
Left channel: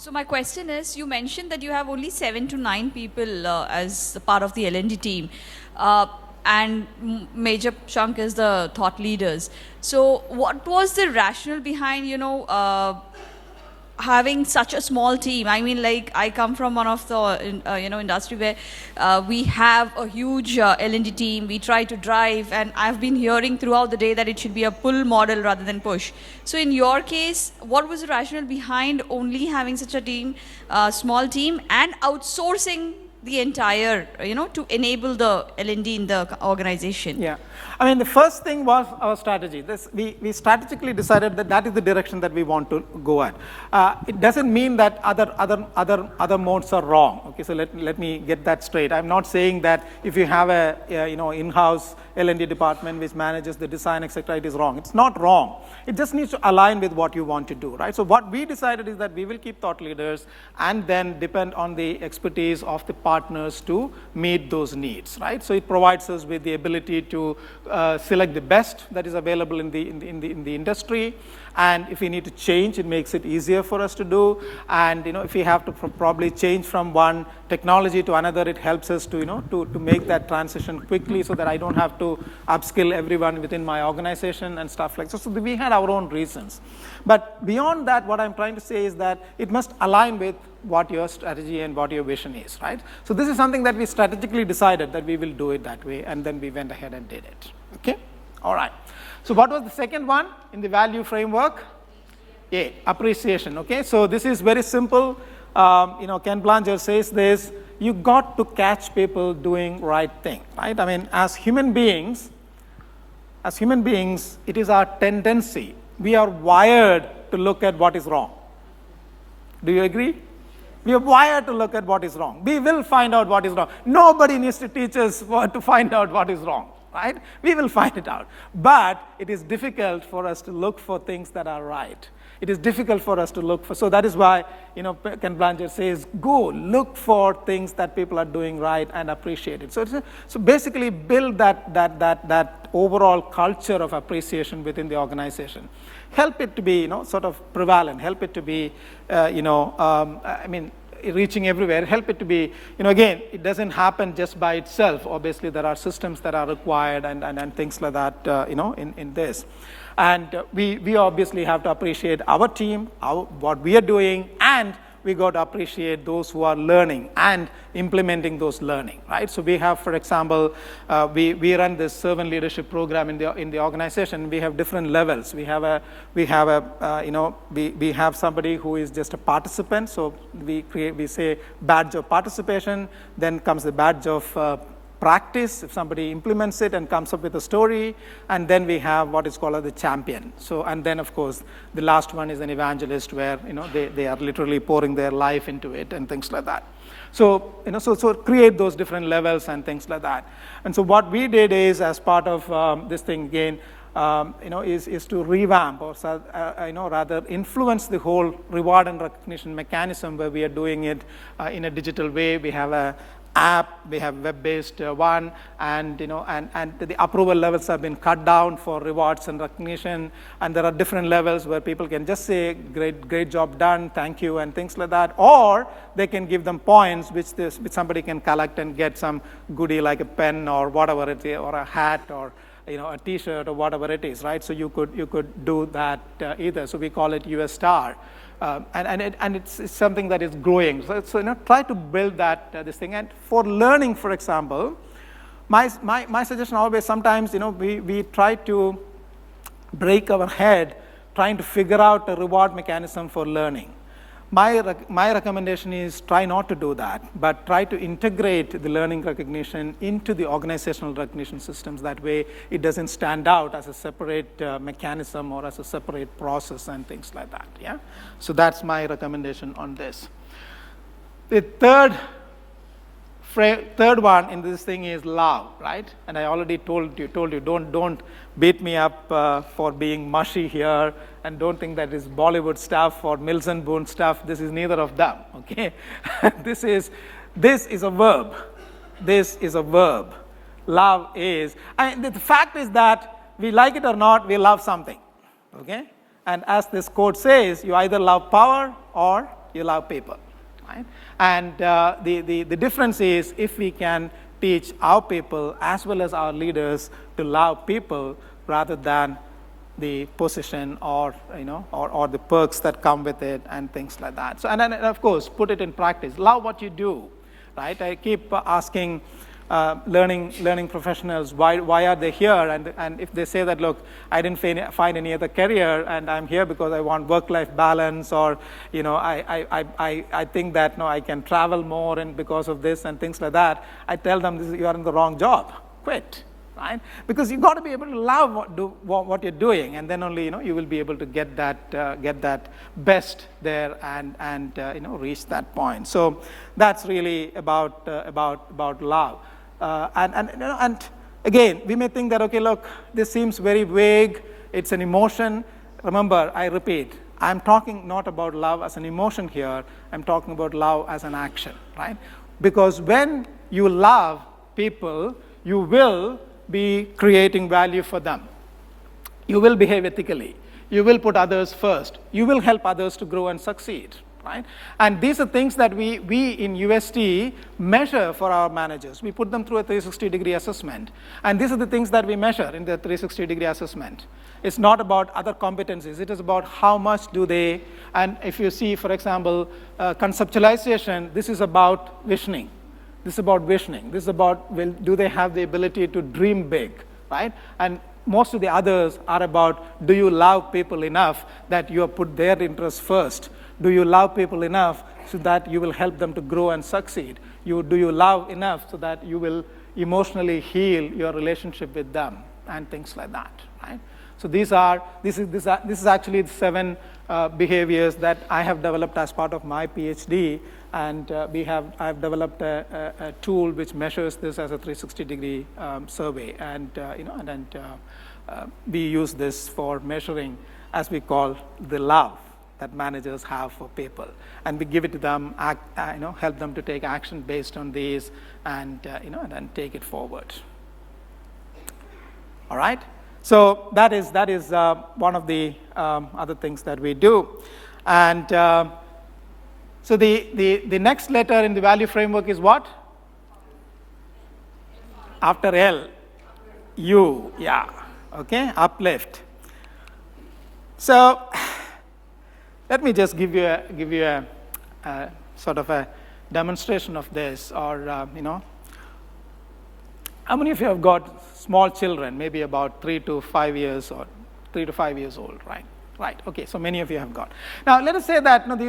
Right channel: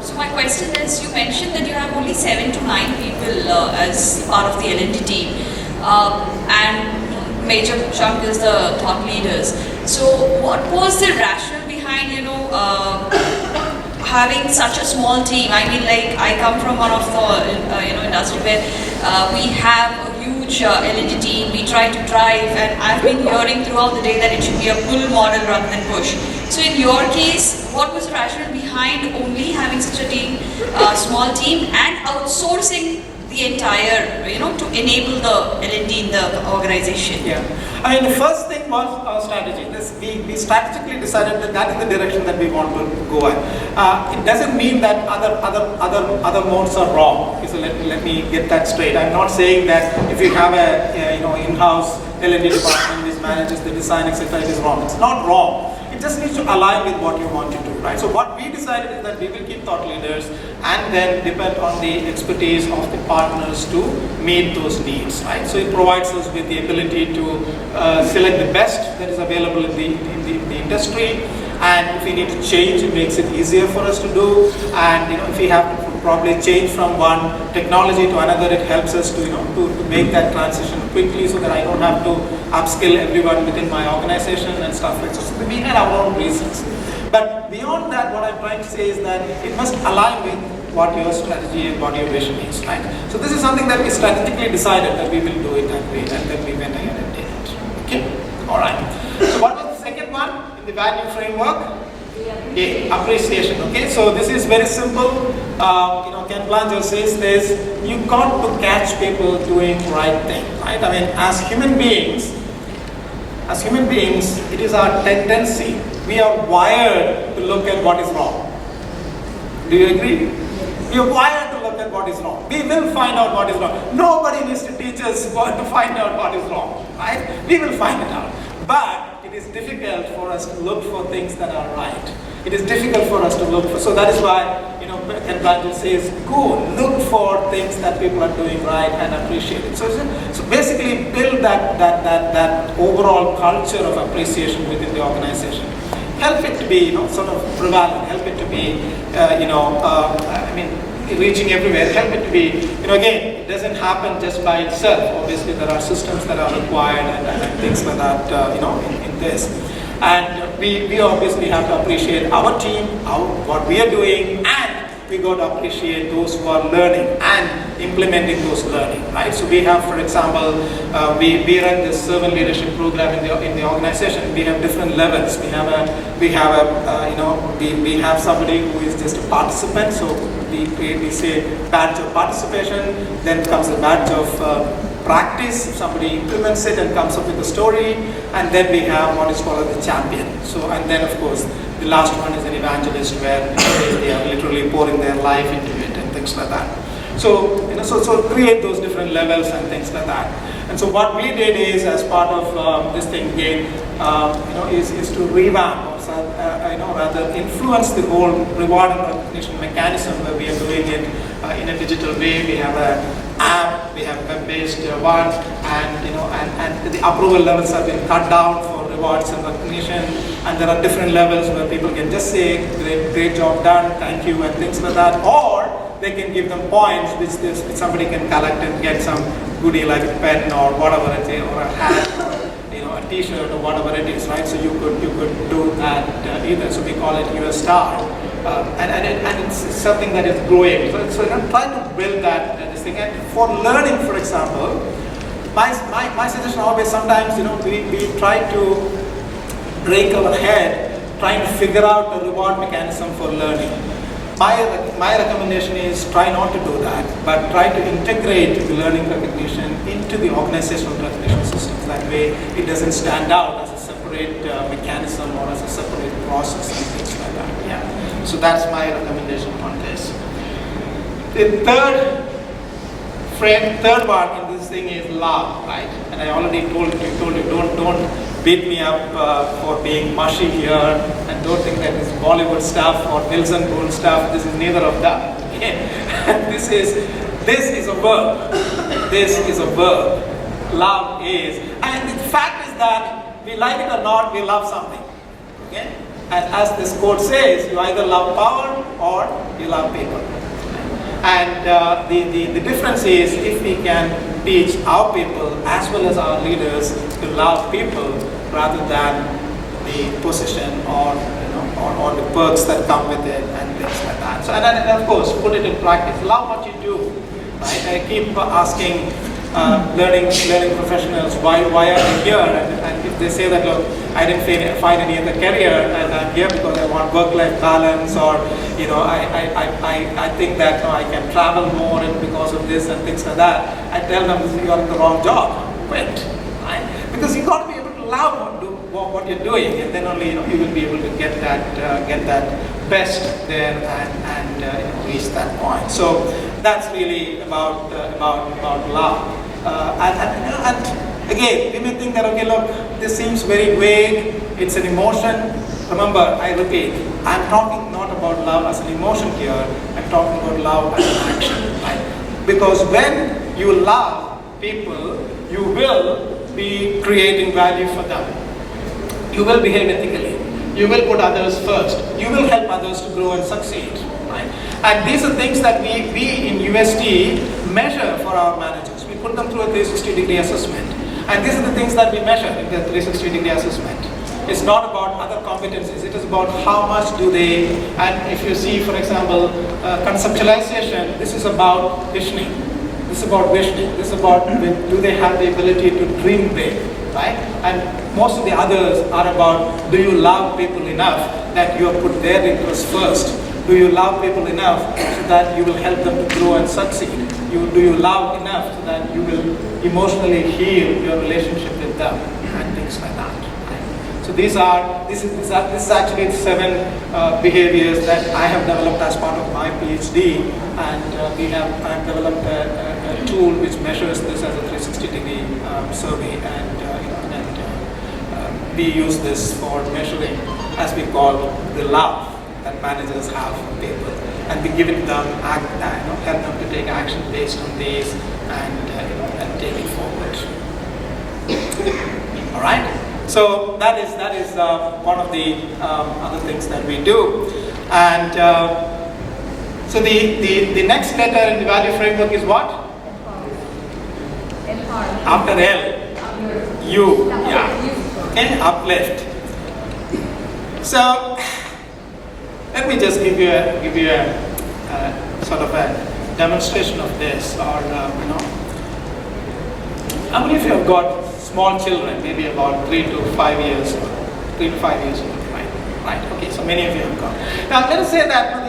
So my question is, you mentioned that you have only 7 to 9 people as part of the L&D team, and major chunk is the thought leaders. So what was the rationale behind, having such a small team? I mean, like, I come from one of the industry where we have a huge L&D team. We try to drive, and I've been hearing throughout the day that it should be a pull model rather than push. So in your case, what was the rationale behind only having such a team, small team, and outsourcing the entire, to enable the L&D in the organization? Yeah. I mean, the first thing was our strategy. We strategically decided that is the direction that we want to go at. It doesn't mean that other modes are wrong. So let me get that straight. I'm not saying that if you have a in-house L&D department which manages the design, etc., it is wrong. It's not wrong. It just needs to align with what you want to do, right? So what we decided is that we will keep thought leaders and then depend on the expertise of the partners to meet those needs, right? So it provides us with the ability to select the best that is available in the industry, and if we need to change, it makes it easier for us to do, and if we have to probably change from one technology to another, it helps us to make that transition quickly so that I don't have to upskill everyone within my organization and stuff like that. So we have our own reasons. But beyond that, what I'm trying to say is that it must align with what your strategy and what your vision is, right? So this is something that we strategically decided that we will do it that way, and then we went ahead and did it. Okay? All right. So what was the second one in the value framework? A, appreciation. Okay, so this is very simple. Ken Blanchard says this: you got to catch people doing right thing. Right? I mean, as human beings, it is our tendency. We are wired to look at what is wrong. Do you agree? We are wired to look at what is wrong. We will find out what is wrong. Nobody needs to teach us what to find out what is wrong. Right? We will find it out. But it is difficult for us to look for things that are right. It is difficult for us to look for. So that is why, Ken Blanchard says, go look for things that people are doing right and appreciate it. So basically build that overall culture of appreciation within the organization. Help it to be, sort of prevalent. Help it to be, reaching everywhere. Help it to be, again, it doesn't happen just by itself. Obviously, there are systems that are required and things like that, in this. And we obviously have to appreciate our team, what we are doing, and we got to appreciate those who are learning and implementing those learning. Right? So we have, for example, we run this servant leadership program in the organization. We have different levels. We have somebody who is just a participant. So we say badge of participation. Then comes a badge of practice. Somebody implements it and comes up with a story, and then we have what is called the champion. So, and then of course the last one is an evangelist, where they are literally pouring their life into it and things like that. So, so create those different levels and things like that. And so what we did is, as part of this thing again, is to revamp, rather influence the whole reward and recognition mechanism, where we are doing it in a digital way. We have an app, we have web-based ones, and the approval levels have been cut down for rewards and recognition. And there are different levels where people can just say, great job done, thank you, and things like that. Or they can give them points, which somebody can collect and get some goodie like a pen or whatever it is, or a hat, or a t-shirt or whatever it is, right? So you could do that either. So we call it your star. And it's something that is growing. So try to build that thing. And for learning, for example, my suggestion always, sometimes, we try to break our head trying to figure out a reward mechanism for learning. My recommendation is try not to do that, but try to integrate learning recognition into the organizational recognition system. That way it doesn't stand out as a separate mechanism or as a separate process and things like that. Yeah. So that's my recommendation on this. The third one in this thing is love, right? And I already told you, don't beat me up for being mushy here, and don't think that it's Bollywood stuff or Wilson Gould stuff. This is neither of that. Okay? This is a verb. This is a verb. Love is, and the fact is that we like it or not, we love something. Okay? And as this quote says, you either love power or you love people. And the difference is, if we can teach our people as well as our leaders to love people rather than the position or the perks that come with it and things like that. So, and of course, put it in practice. Love what you do. Right? I keep asking learning professionals, why are you here? And if they say that, look, I didn't find any other career, and I'm here because I want work-life balance, or I think that I can travel more because of this and things like that, I tell them you have the wrong job. Quit. Right? Because you got to be able to love what you're doing, and then only you will be able to get that best there and reach that point. So that's really about love. And again, you may think that, okay, look, this seems very vague, it's an emotion. Remember, I repeat, I'm talking not about love as an emotion here, I'm talking about love as an action. Right? Because when you love people, you will be creating value for them. You will behave ethically. You will put others first. You will help others to grow and succeed. Right? And these are things that we in UST measure for our managers. We put them through a 360-degree assessment. And these are the things that we measure in the 360-degree assessment. It's not about other competencies. It is about how much do they, and if you see, for example, conceptualization, this is about visioning. This is about visioning. This is about, do they have the ability to dream big, right? And most of the others are about, do you love people enough that you put their interests first? Do you love people enough that you will help them to grow and succeed? Do you love enough that you will emotionally heal your relationship with them and things like that? So this is actually 7 behaviors that I have developed as part of my PhD, and I've developed a tool which measures this as a 360-degree survey, and we use this for measuring, as we call, the love that managers have for people, and we give it them, tell them to take action based on these, and take it forward. All right. So that is one of the other things that we do, and so the next letter in the value framework is what? After L, U, yeah. Okay, uplift. So let me just give you a sort of a demonstration of this, or how many of you have got small children, maybe about 3 to 5 years old, right? Okay, so many of you have got. Now let's say that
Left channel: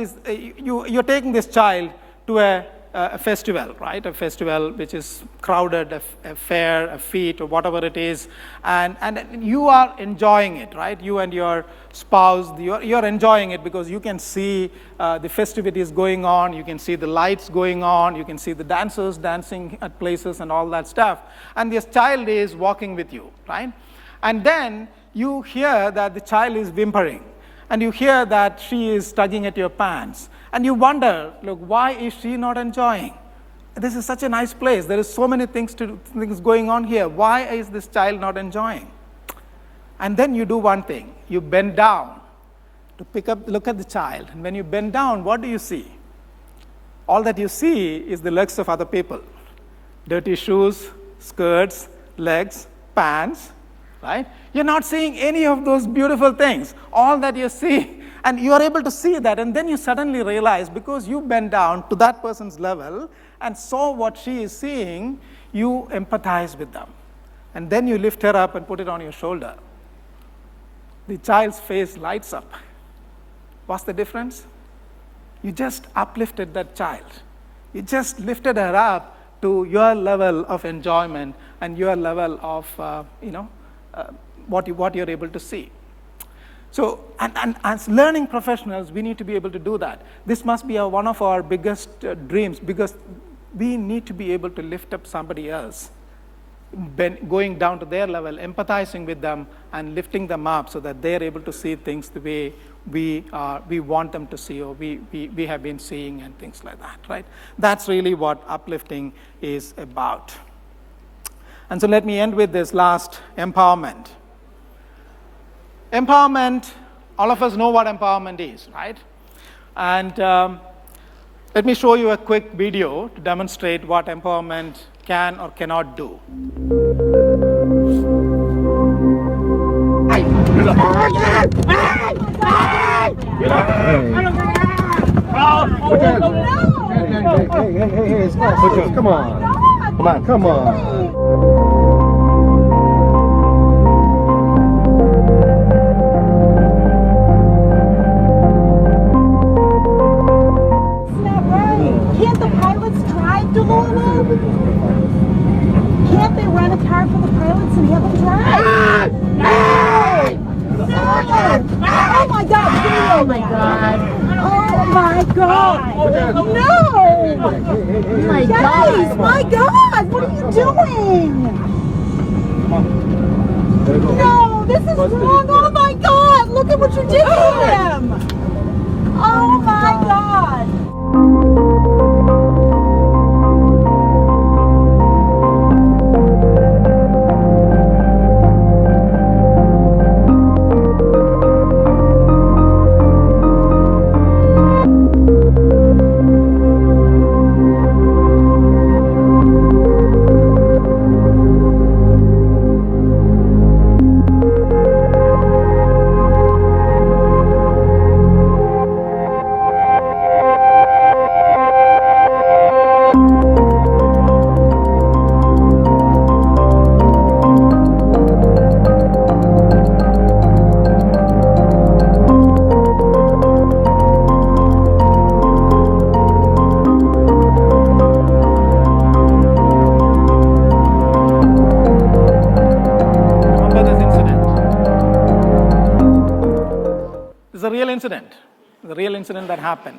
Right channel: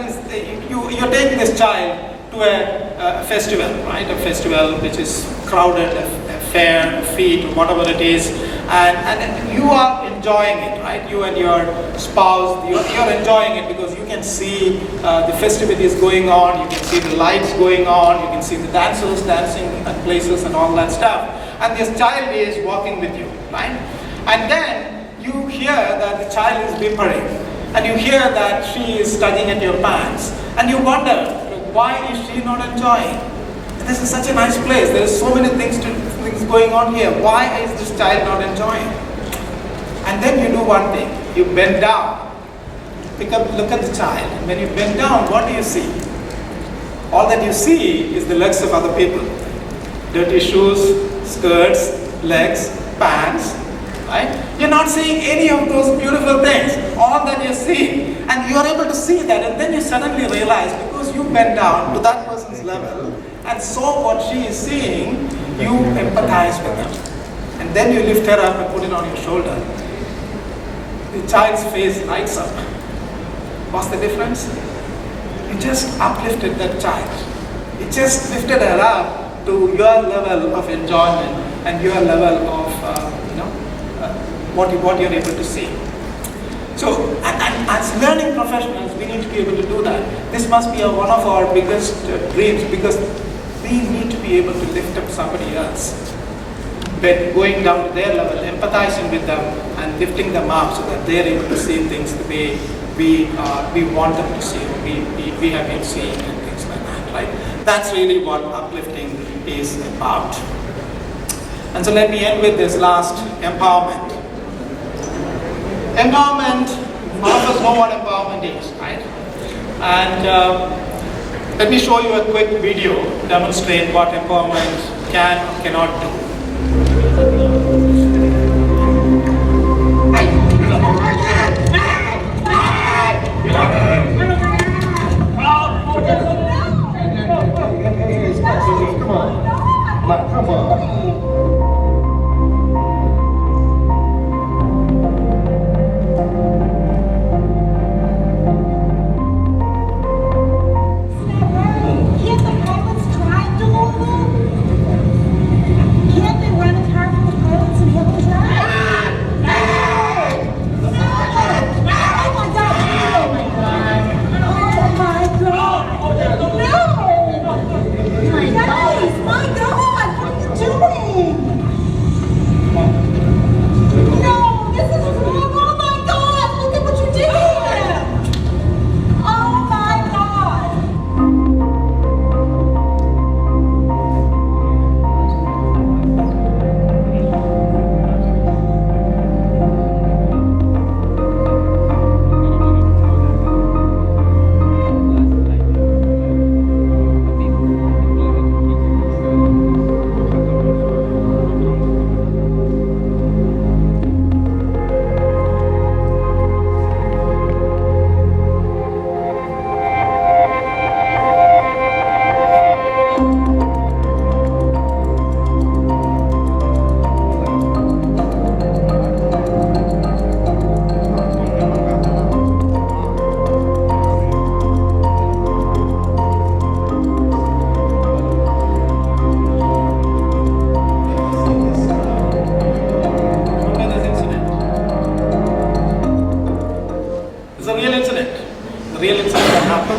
you're taking this child to a festival, right? A festival which is crowded, a fair, a feast, whatever it is, and you are enjoying it, right? You and your spouse, you're enjoying it because you can see the festivities going on, you can see the lights going on, you can see the dancers dancing at places and all that stuff. And this child is walking with you, right? And then you hear that the child is whimpering, and you hear that she is tugging at your pants, and you wonder, why is she not enjoying? This is such a nice place. There are so many things going on here. Why is this child not enjoying? And then you do one thing. You bend down, look at the child. When you bend down, what do you see? All that you see is the legs of other people. Dirty shoes, skirts, legs, pants, right? You're not seeing any of those beautiful things. All that you're seeing, and you're able to see that, and then you suddenly realize, because you bend down to that person's level and saw what she is seeing, you empathize with her, and then you lift her up and put it on your shoulder. The child's face lights up. What's the difference? You just uplifted that child. You just lifted her up to your level of enjoyment and your level of what you're able to see. So, and as learning professionals, we need to be able to do that. This must be one of our biggest dreams, because we need to be able to lift up somebody else. But going down to their level, empathizing with them, and lifting them up so that they're able to see things the way we want them to see, we have been seeing, and things like that, right? That's really what uplifting is about. And so let me end with this last, empowerment. Empowerment, all of us know what empowerment is, right? And let me show you a quick video to demonstrate what empowerment can or cannot do. Come on.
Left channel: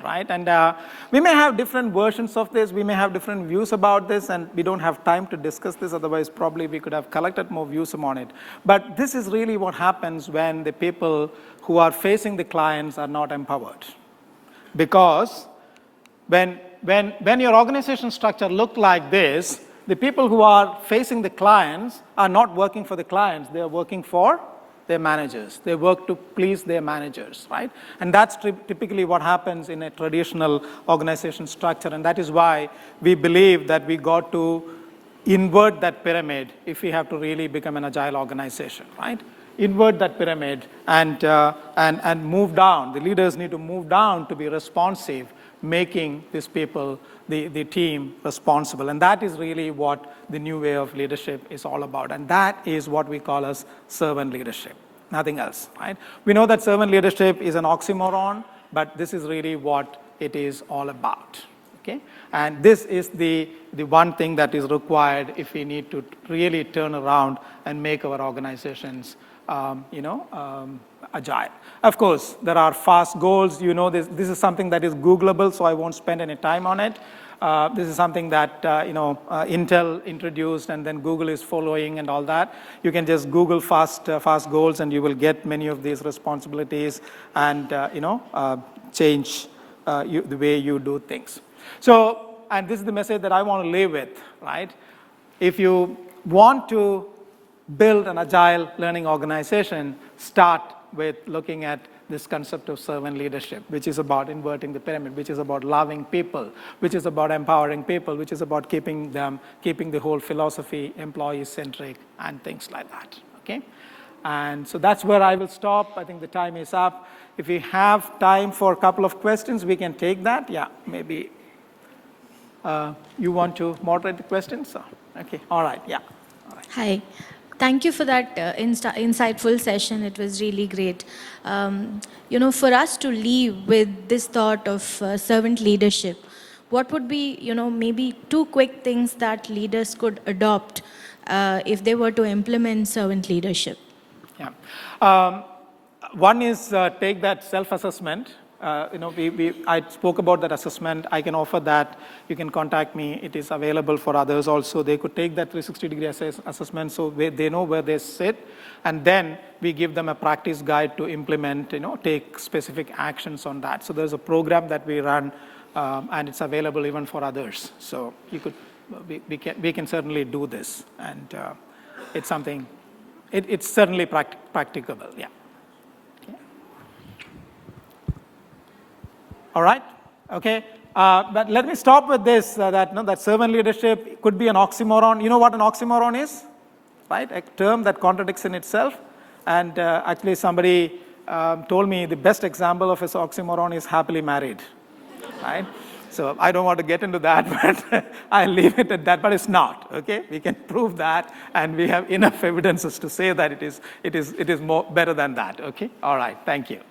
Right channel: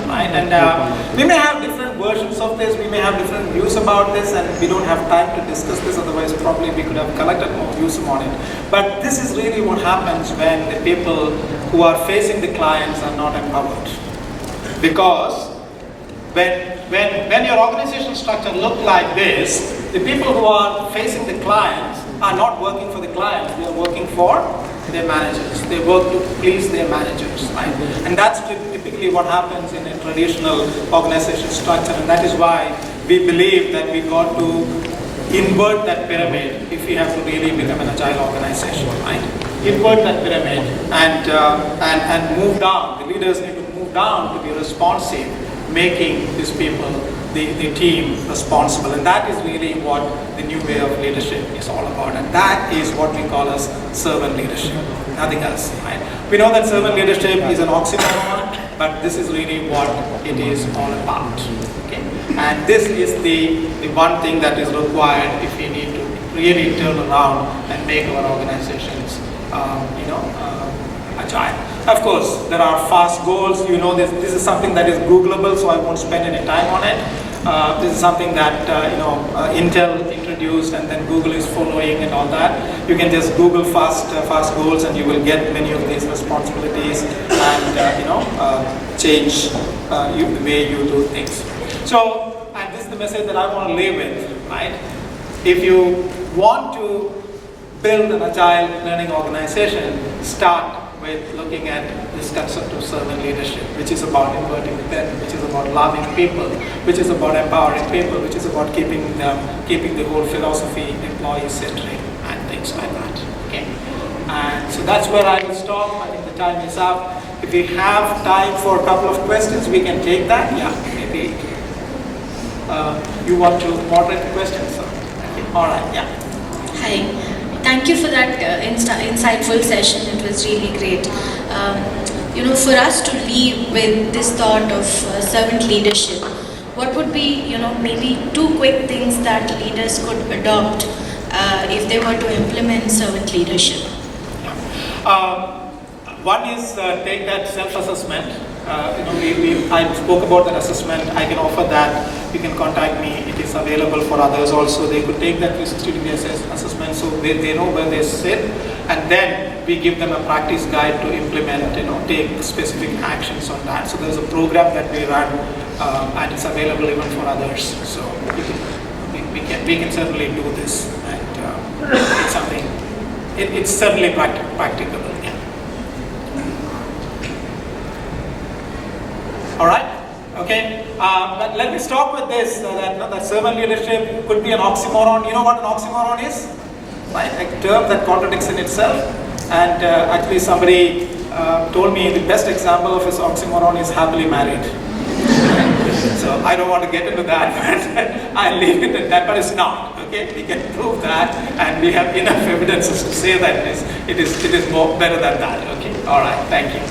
right? And we may have different versions of this, we may have different views about this, and we don't have time to discuss this, otherwise probably we could have collected more views on it. But this is really what happens when the people who are facing the clients are not empowered. Because when your organization structure look like this, the people who are facing the clients are not working for the clients, they are working for their managers. They work to please their managers, right? And that's typically what happens in a traditional organization structure, and that is why we believe that we got to invert that pyramid if we have to really become an agile organization, right? Invert that pyramid and move down. The leaders need to move down to be responsive, making these people, the team, responsible. And that is really what the new way of leadership is all about. And that is what we call as servant leadership, nothing else. Right? We know that servant leadership is an oxymoron, but this is really what it is all about. Okay? And this is the one thing that is required if we need to really turn around and make our organizations, agile. Of course, there are fast goals. You know, this is something that is Googleable, so I won't spend any time on it. This is something that Intel introduced, and then Google is following and all that. You can just Google fast goals, and you will get many of these responsibilities and change the way you do things. So, and this is the message that I want to leave with, right? If you want to build an agile learning organization, start with looking at this concept of servant leadership, which is about inverting the pyramid, which is about loving people, which is about empowering people, which is about keeping the whole philosophy employee-centric and things like that. Okay? And so that's where I will stop. I think the time is up. If we have time for a couple of questions, we can take that. Yeah, maybe. You want to moderate the questions? All right, yeah. Hi. Thank you for that insightful session. It was really great. For us to lead with this thought of servant leadership, what would be, maybe 2 quick things that leaders could adopt if they were to implement servant leadership? One is take that self-assessment. I spoke about an assessment. I can offer that. You can contact me. It is available for others also. They could take that 360-degree assessment so they know where they sit. And then we give them a practice guide to implement, take specific actions on that. So there's a program that we run and it's available even for others. So we can certainly do this. And it's something, it's certainly practical. All right? Okay? Let me stop with this, that servant leadership could be an oxymoron. You know what an oxymoron is? Right? A term that contradicts in itself. And actually somebody told me the best example of this oxymoron is happily married. So I don't want to get into that, but I leave it at that, but it's not. Okay? We can prove that, and we have enough evidences to say that it is more better than that. Okay? All right, thank you.